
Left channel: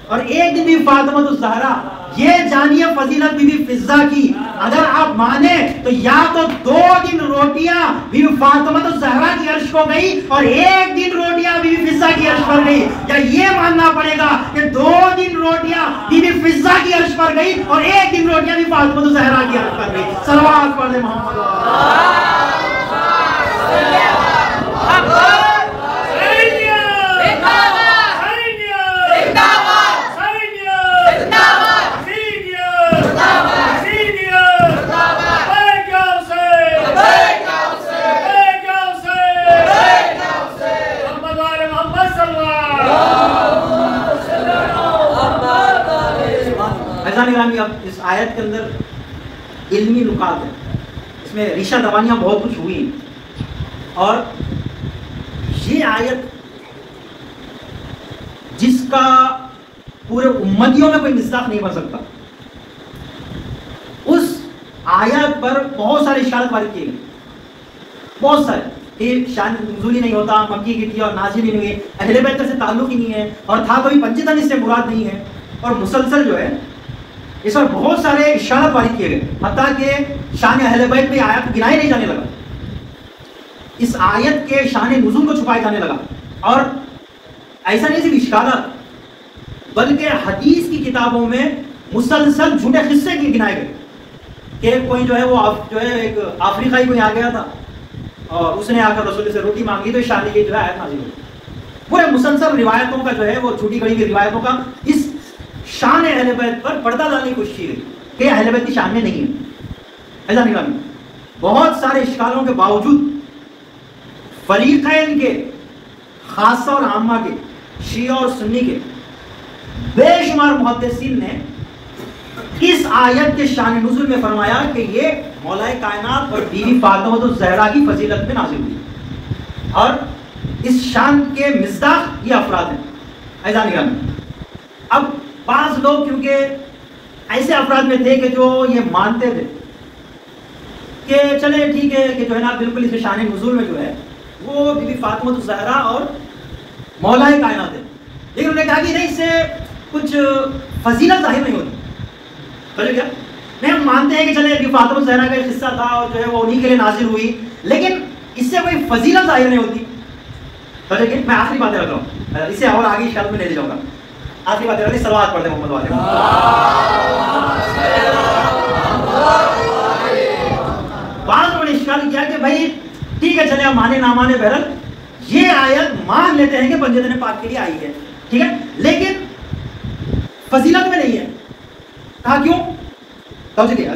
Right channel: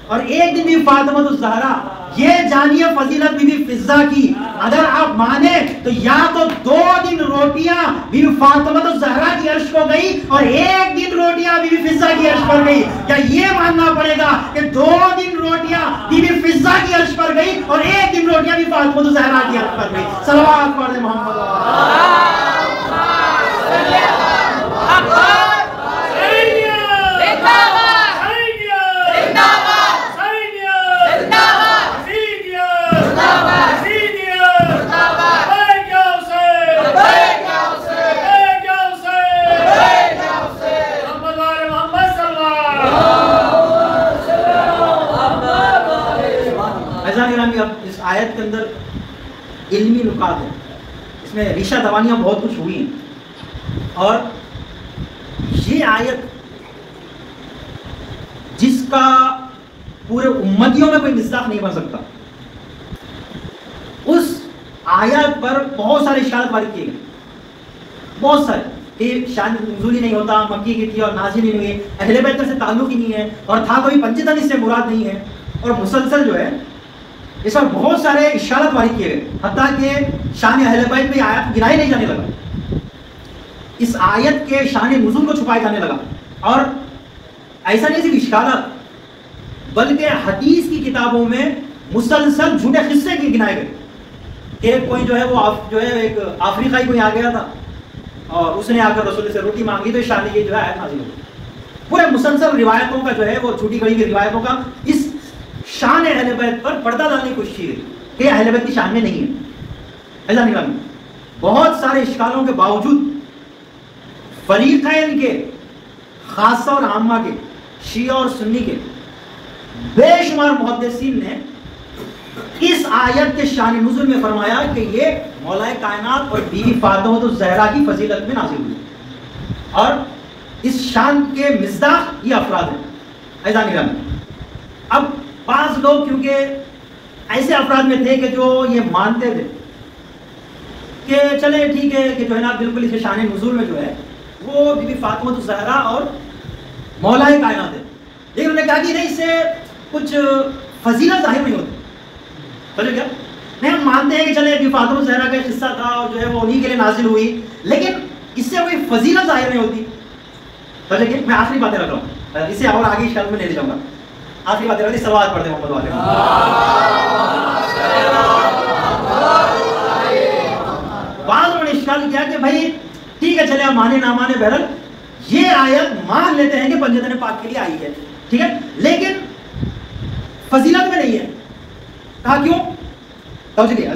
اور ایک دن بی بی فاطمہ الزہرا. یہ جانیے فضیلت بی بی فضہ کی. اگر آپ مانیں تو یا تو 2 دن روٹیاں بی بی فاطمہ الزہرا کی عرش کو گئی اور ایک دن روٹیاں بی بی فضہ کی عرش پر گئی، یا یہ ماننا پڑے گا کہ 2 دن روٹیاں بی بی فضہ کی عرش پر گئی اور ایک دن روٹیاں بی بی فاطمہ الزہرا کی عرش پر گئی. صلوات پڑھیں محمد. اب اس آیت کے اندر علمی نکات ہیں، اس میں ریشہ دوانیاں بہت کچھ ہوئی ہیں. اور یہ آیت جس کا پورے امتیوں میں کوئی مصداق نہیں بن سکتا، اس آیت پر بہت سارے اشارات وارد کیے گئے، بہت سارے کہ شان نزولی نہیں ہوتا، مکی کی تھی اور نازل ہی نہیں ہوئی، اہل بیت سے تعلق ہی نہیں ہے، اور تھا تو بھی پنجتن اس سے مراد نہیں ہے. اور مسلسل جو ہے اس پر بہت سارے اشارات وارد کیے گئے، حتیٰ کہ شان اہل بیت میں آیت کو گنایا نہیں جانے لگا، اس آیت کے شان نزول کو چھپایا جانے لگا. اور ایسا نہیں صرف اشکالات، بلکہ حدیث کی کتابوں میں مسلسل جھوٹے قصے گنائے گئے کہ کوئی جو ہے وہ جو ہے ایک افریقائی کوئی آ گیا تھا اور اس نے آ کر رسول سے روٹی مانگی تو شان کی جو ہے آیت نازل ہوئی. پورے مسلسل روایتوں کا جو ہے وہ جھوٹی گڑی ہوئی روایتوں کا اس شان اہل بیت پر پردہ ڈالنے کی کوشش کی گئی کہ اہل بیت کی شان میں نہیں ہے. ایسا نگرانی بہت سارے اشکالوں کے باوجود فریقین کے، خاصہ اور عامہ کے، شیعہ اور سنی کے بے شمار محدثین نے اس آیت کے شان نزول میں فرمایا کہ یہ مولا کائنات اور بیوی فاطمہ الزہرا کی فضیلت میں نازل ہوئی، اور اس شان کے مصداق یہ افراد ہیں. ایسا نگرانی اب بعض لوگ کیونکہ ایسے افراد میں تھے کہ جو یہ مانتے تھے کہ چلے ٹھیک ہے کہ جو ہے نا بالکل اس شان نزول میں جو ہے وہ بی بی فاطمہ الزہرا اور مولا کائنات ہے، لیکن انہوں نے کہا کہ نہیں اس سے کچھ فضیلت ظاہر نہیں ہوتی. سمجھے کیا؟ نہیں، ہم مانتے ہیں کہ چلے بی بی فاطمہ الزہرا کا قصہ تھا اور جو ہے وہ انہی کے لیے نازل ہوئی، لیکن اس سے کوئی فضیلت ظاہر نہیں ہوتی. سمجھے کہ میں آخری باتیں رکھ رہا ہوں، اسے اور آگے اشکال میں لے جاؤں گا. آخری بات ہے صلوات پڑھ دیں محمد والے. بعض لوگوں نے اشکال کیا کہ بھائی ٹھیک ہے چلے آپ مانے نہ مانے، بہرحال یہ آیت مان لیتے ہیں کہ پنجتن پاک کے لیے آئی ہے، ٹھیک ہے، لیکن فضیلت میں نہیں ہے. کہا کیوں؟ توجہ دیا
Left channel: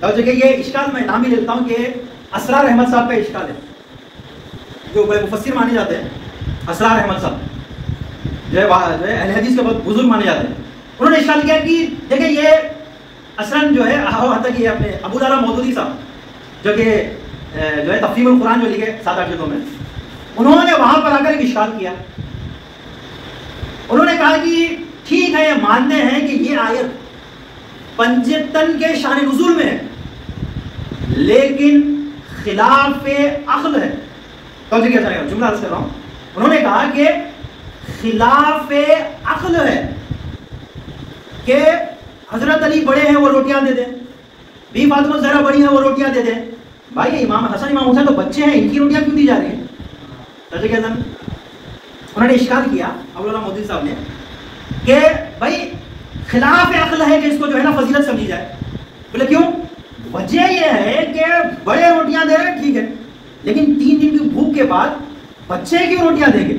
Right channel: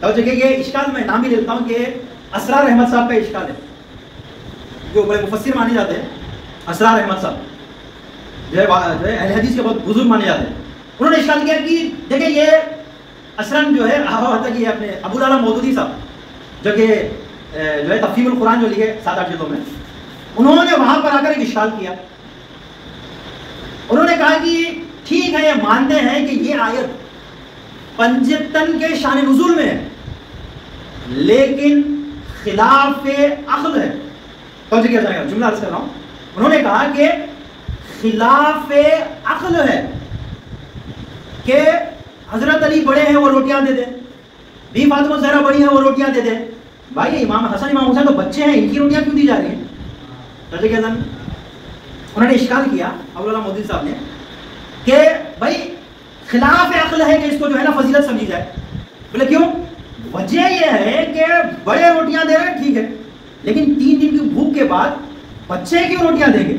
توجہ کہ یہ اشکال میں نام ہی لیتا ہوں کہ اسرار احمد صاحب کا اشکال ہے، جو بڑے مفسر مانے جاتے ہیں. اسرار احمد صاحب جو ہے اہل حدیث کے بہت بزرگ مانے جاتے ہیں. انہوں نے اشکال کیا کہ دیکھیں یہ اصلاً جو ہے کہ اپنے ابو العلا مودودی صاحب جو کہ جو ہے تفہیم القرآن جو لکھے 7-8 جلدوں میں، انہوں نے وہاں پر آ کر ایک اشکال کیا. انہوں نے کہا کہ ٹھیک ہے یہ مانتے ہیں کہ یہ آیت پنجتن کے شان نزول میں ہے، لیکن خلاف عقل ہے. جملہ عرض کر رہا ہوں. انہوں نے کہا کہ خلاف عقل ہے کہ حضرت علی بڑے ہیں وہ روٹیاں دے دیں, بی فاطمہ زہرا بڑی ہیں وہ روٹیاں دے دیں. بھائی امام حسن امام حسین تو بچے ہیں, ان کی روٹیاں کیوں دی جا رہی ہیں؟ انہوں نے اشکال کیا ابو اللہ مودودی صاحب نے کہ بھائی خلاف عقل ہے کہ اس کو جو ہے نا فضیلت سمجھی جائے. بولے کیوں؟ وجہ یہ ہے کہ بڑے روٹیاں دے رہے ہیں ٹھیک ہے, لیکن 3 دن کی بھوک کے بعد بچے کی روٹیاں دیں گے.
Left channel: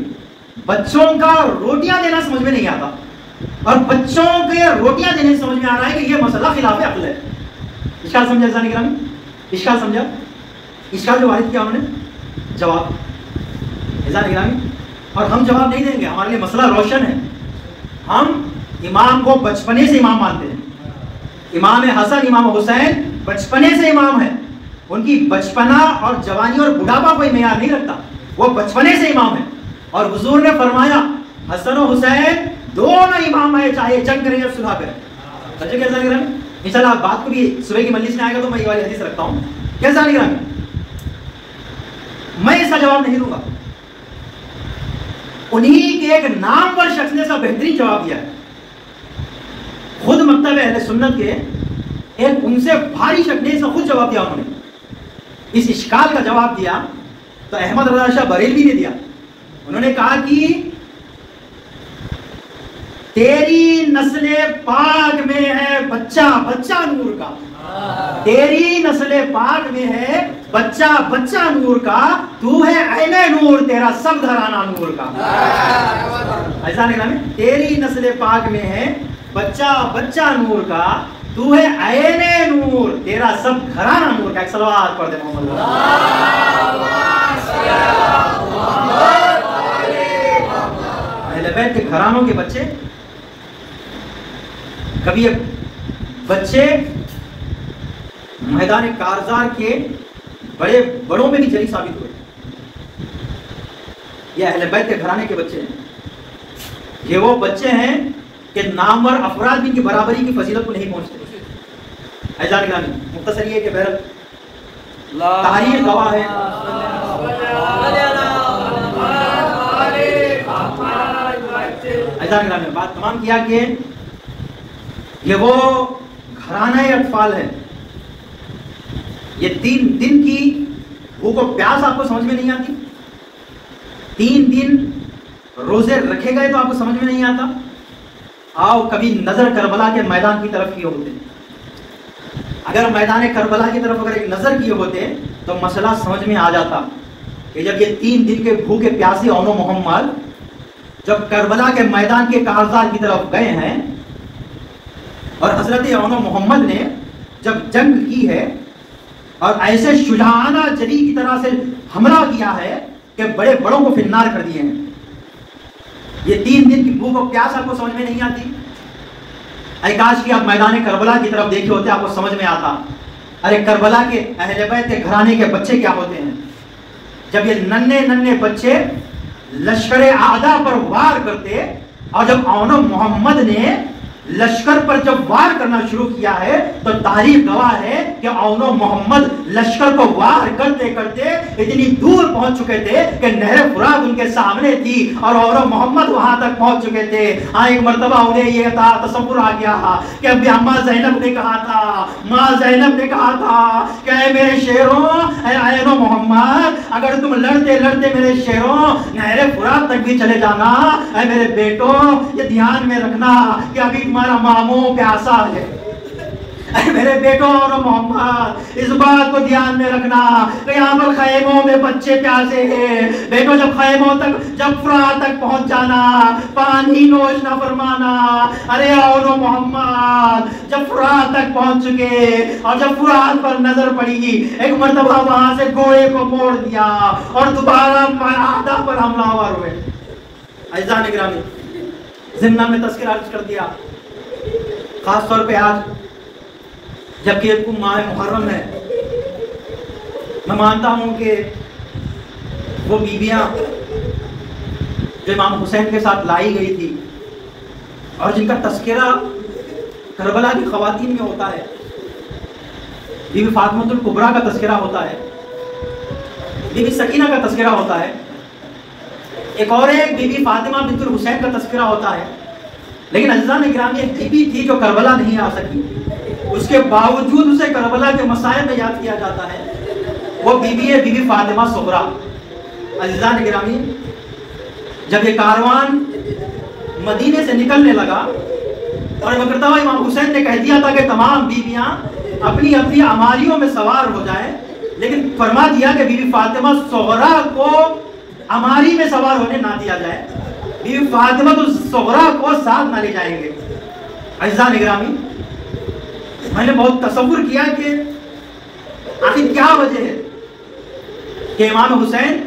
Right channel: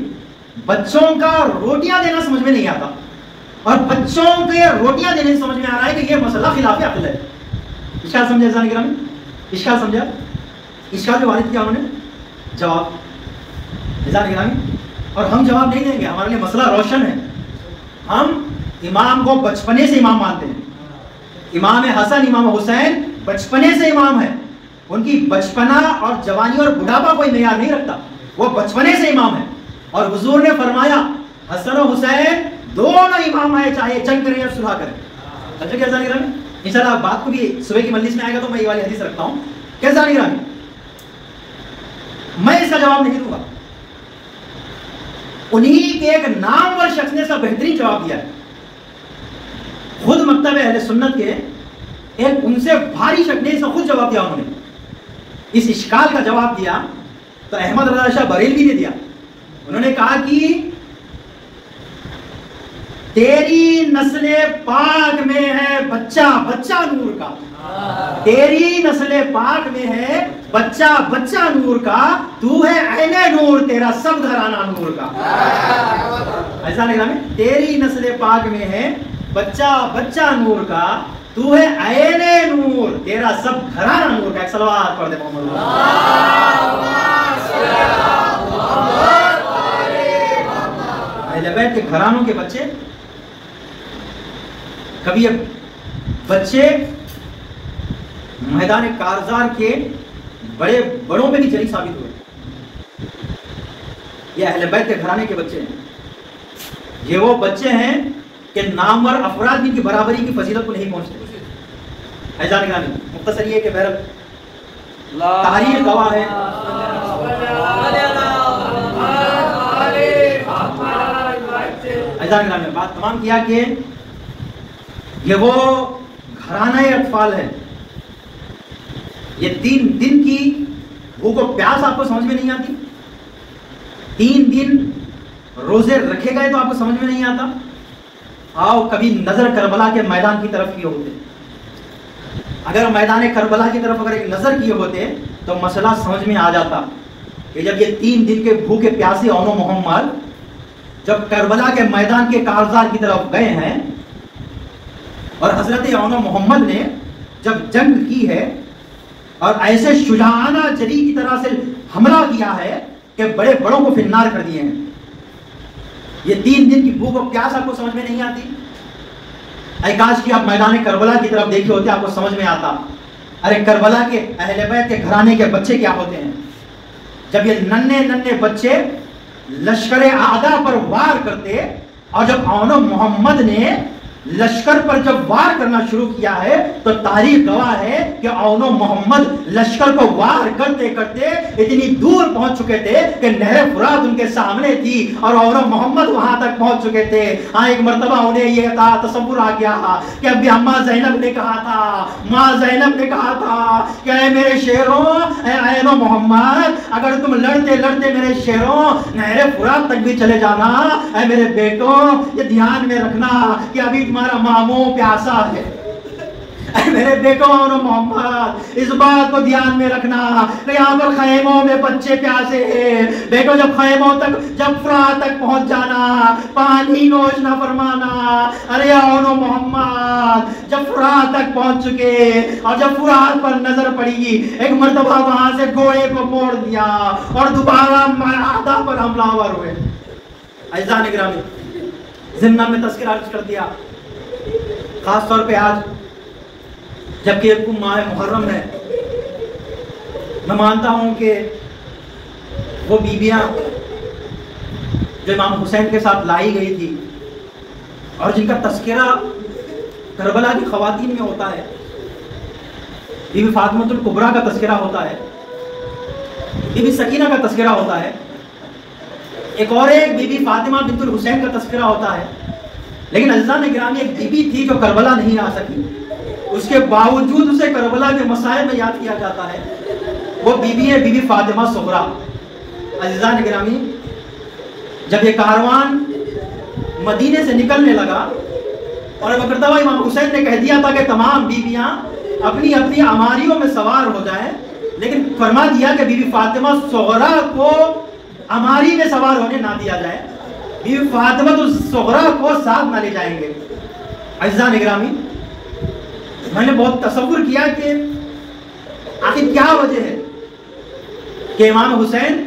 بچوں کا روٹیاں دینا سمجھ میں نہیں آتا, اور بچوں کے روٹیاں دینے سے سمجھ میں آ رہا ہے کہ یہ مسئلہ خلاف عقل ہے. اشکال سمجھا جانے گرامی؟ اشکال سمجھا؟ اشکال جو وارد کیا انہوں نے جواب گرامی, اور ہم جواب نہیں دیں گے, ہمارے لیے مسئلہ روشن ہے. ہم امام کو بچپنے سے امام مانتے ہیں. امام حسن امام حسین بچپنے سے امام ہیں. ان کی بچپنا اور جوانی اور بڑھاپا کوئی معیار نہیں رکھتا, وہ بچپنے سے امام ہیں. اور حضور نے فرمایا حسن و حسین دونوں امام ہیں, چاہے جنگ کریں یا صلح کریں. انشاءاللہ بات کو بھی صبح کی مجلس میں آئے گا تو میں یہ والی حدیث رکھتا ہوں. کیسا نہیں رہا, میں اس کا جواب نہیں دوں گا. انہی کے ایک نامور شخص نے سب بہترین جواب دیا ہے. خود مکتب اہل سنت کے ایک ان سے بھاری شخص نے اس کا خود جواب دیا. انہوں نے اس اشکال کا جواب دیا تو احمد رضا شاہ بریلوی نے دیا. انہوں نے کہا کہ تیری نسل پاک میں ہے بچہ بچہ نور کا, تیری نسل پاک میں ہے بچہ بچہ نور کا, تو ہے عین نور تیرا سب گھرانہ نور کا. ایسا لگا میں تیری نسل پاک میں ہے بچہ بچہ نور کا, تو ہے عین نور تیرا سب گھرانہ نور کا. ایک صلوات پڑھ دے محمد. اہل بیت کے گھرانوں کے بچے, کبھی بچے میدان کارزار کے بڑے بڑوں میں بھی جری ثابت ہوئے. یہ اہل بیت کے گھرانے کے بچے ہیں. یہ وہ بچے ہیں کہ نامور افراد بھی ان کی برابری کی فضیلت کو نہیں پہنچتے. ایسا نگرانی مختصر یہ کہ بہرحال تاریخ گواہ ہے. ایسا نگرانی بات تمام کیا کہ یہ وہ گھرانہ اطفال ہیں. یہ 3 دن کی بھوک و پیاس آپ کو سمجھ میں نہیں آتی, 3 دن روزے رکھے گئے تو آپ کو سمجھ میں نہیں آتا. آؤ کبھی نظر کربلا کے میدان کی طرف کیے ہوتے. اگر میدان کربلا کی طرف اگر ایک نظر کیے ہوتے تو مسئلہ سمجھ میں آ جاتا کہ جب یہ 3 دن کے بھوکے پیاسے اون و محمد جب کربلا کے میدان کے کارزار کی طرف گئے ہیں اور حضرت اون و محمد نے جب جنگ کی ہے اور ایسے شجاعانہ جری کی طرح سے حملہ کیا ہے کہ بڑے بڑوں کو فنار کر دیے ہیں. یہ 3 دن کی بھوک و پیاس آپ کو سمجھ میں نہیں آتی. اے کاش کہ آپ میدان کربلا کی طرف دیکھے ہوتے, آپ کو سمجھ میں آتا. ارے کربلا کے اہل بیت کے گھرانے کے بچے کیا ہوتے ہیں. جب یہ ننھے ننھے بچے لشکر اعداء پر وار کرتے, اور جب اون و محمد نے لشکر پر جب وار کرنا شروع کیا ہے تو تاریخ گواہ ہے کہ اون و محمد لشکر کو وار کرتے کرتے اتنی دور پہنچ چکے تھے کہ نہر فرات ان کے سامنے تھی اور اون و محمد وہاں تک پہنچ چکے تھے. ہاں ایک مرتبہ انہیں یہ تھا تصور آ گیا کہ اب اماں زینب نے کہا تھا, ماں زینب نے کہا تھا کہ اے میرے شیروں, اے اون و محمد, اگر تم لڑتے لڑتے میرے شیروں نہر فرات تک بھی چلے جانا, اے میرے بیٹوں یہ دھیان میں رکھنا کہ ابھی تمہارا ماموں پیاسا ہے. اے میرے بیٹوں اور محمد اس بات کو دھیان میں رکھنا کہ یہاں پر خیموں میں بچے پیاسے ہیں. بیٹوں جب خیموں تک جب فرات تک پہنچ جانا پانی نوش نہ فرمانا. ارے اور محمد جب فرات تک پہنچ چکے اور جب فرات پر نظر پڑی ایک مرتبہ وہاں سے گھوڑے کو موڑ دیا اور دوبارہ معاہدہ پر حملہ آور ہوئے. ایسا نگرامی ضمن میں تذکرہ عرض کر دیا, خاص طور پہ آج جبکہ ایک ماہ محرم ہے, میں مانتا ہوں کہ وہ بیویاں جو امام حسین کے ساتھ لائی گئی تھی اور جن کا تذکرہ کربلا کی خواتین میں ہوتا ہے, بی بی فاطمہ الکبریٰ کا تذکرہ ہوتا ہے، بی بی سکینہ کا تذکرہ ہوتا ہے، ایک اور ایک بی بی فاطمہ بنت الحسین کا تذکرہ ہوتا ہے. لیکن عزیزان گرامی ایک بی بی تھی جو کربلا نہیں آ سکی، اس کے باوجود اسے کربلا کے مسائل میں یاد کیا جاتا ہے، وہ بی بی ہے بی بی فاطمہ صغریٰ. عزیزان گرامی جب یہ کاروان مدینے سے نکلنے لگا اور مرتبہ امام حسین نے کہہ دیا تھا کہ تمام بیویاں اپنی اپنی عماریوں میں سوار ہو جائے، لیکن فرما دیا کہ بی بی فاطمہ صغریٰ کو عماری میں سوار ہونے نہ دیا جائے، بی بی فاطمہ صغریٰ کو ساتھ نہ لے جائیں گے. عزیزان گرامی میں نے بہت تصور کیا کہ آخر کیا وجہ ہے کہ امام حسین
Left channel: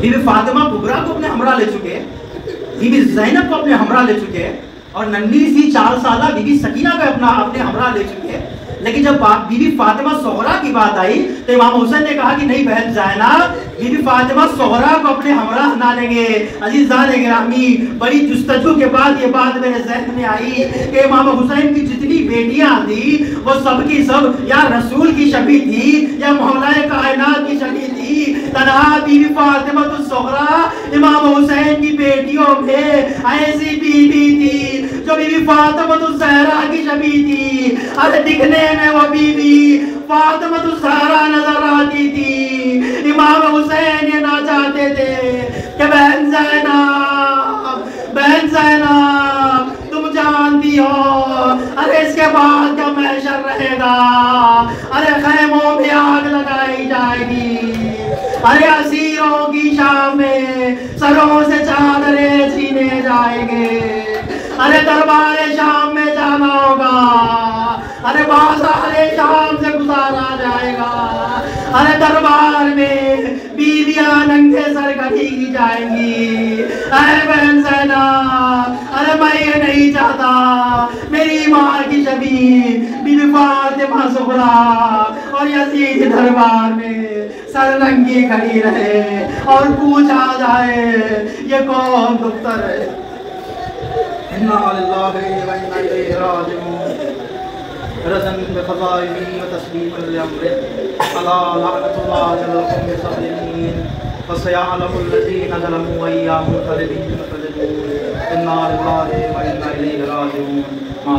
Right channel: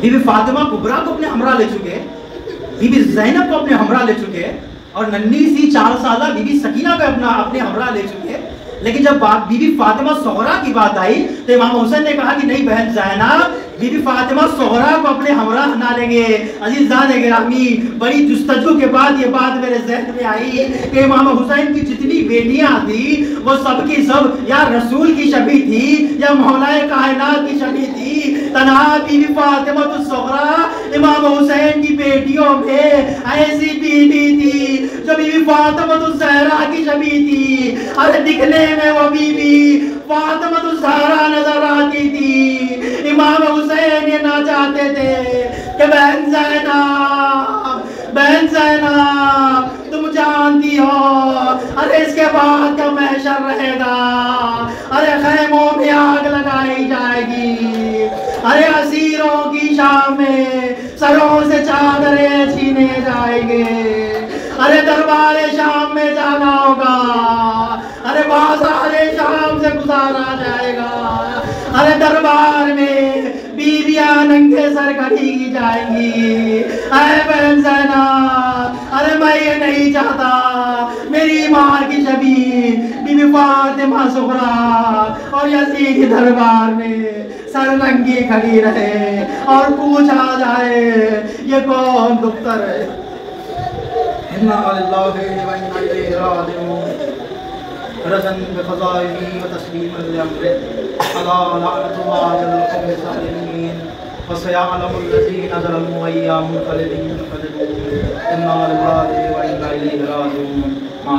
بی بی فاطمہ کبریٰ کو اپنے ہمراہ لے چکے، بی بی زینب کو اپنے ہمراہ لے چکے، اور ننھی سی 4 سالہ بی بی سکینہ کو اپنے ہمراہ لے چکے. لیکن جب بی بی فاطمہ صغریٰ کی بات آئی تو امام حسین نے کہا کہ نہیں بہن زینب، بی بی فاطمہ صغریٰ کو اپنے ہمراہ نہ لیں گے. عزیزان گرامی بڑی جستجو کے بعد یہ بات میرے ذہن میں آئی کہ امام حسین کی جتنی بیٹیاں تھی وہ سب کی سب یا رسول کی شبیہ تھی یا مولا کائنات کی شبیہ تھی. تنہا بی بی فاطمہ الصغریٰ امام حسین کی بیٹیوں میں ایسی بیوی تھی جو بی بی فاطمہ الزہرا کی شبیہ تھی. ارے دکھنے میں وہ بی بی فاطمہ الزہرا نظر آتی تھی. امام حسین یہ نہ چاہتے تھے کہ بہن زینب تم جانتی ہو ارے اس کے بعد کیا محشر رہے گا، ارے خیموں میں آگ لگائی جائے گی، ارے اسیروں کی شام میں سروں سے چادریں چھینے جائیں گے، ارے دربار شام میں جانا ہوگا، ارے بازار شام سے گزارا جائے گا، ارے دربار میں بیویاں ننگے سر کھڑی کی جائیں گی. اے بہن زینب ارے میں یہ نہیں چاہتا میری ماں کی شبیہ بی بی فاطمہ صغریٰ اور یزید کے دربار میں سر ننگی کھڑی رہے اور پوچھا جائے یہ کون دختر ہے. اِنَّا لِلَّهِ وَإِنَّا إِلَيْهِ رَاجِعُونَ. رزن بفضائه وتسليما لأمره ألا لعنة الله على القوم الظالمين فسيعلم الذين ظلموا أي منقلب ينقلبون. إنا لله وإنا إليه راجعون. ما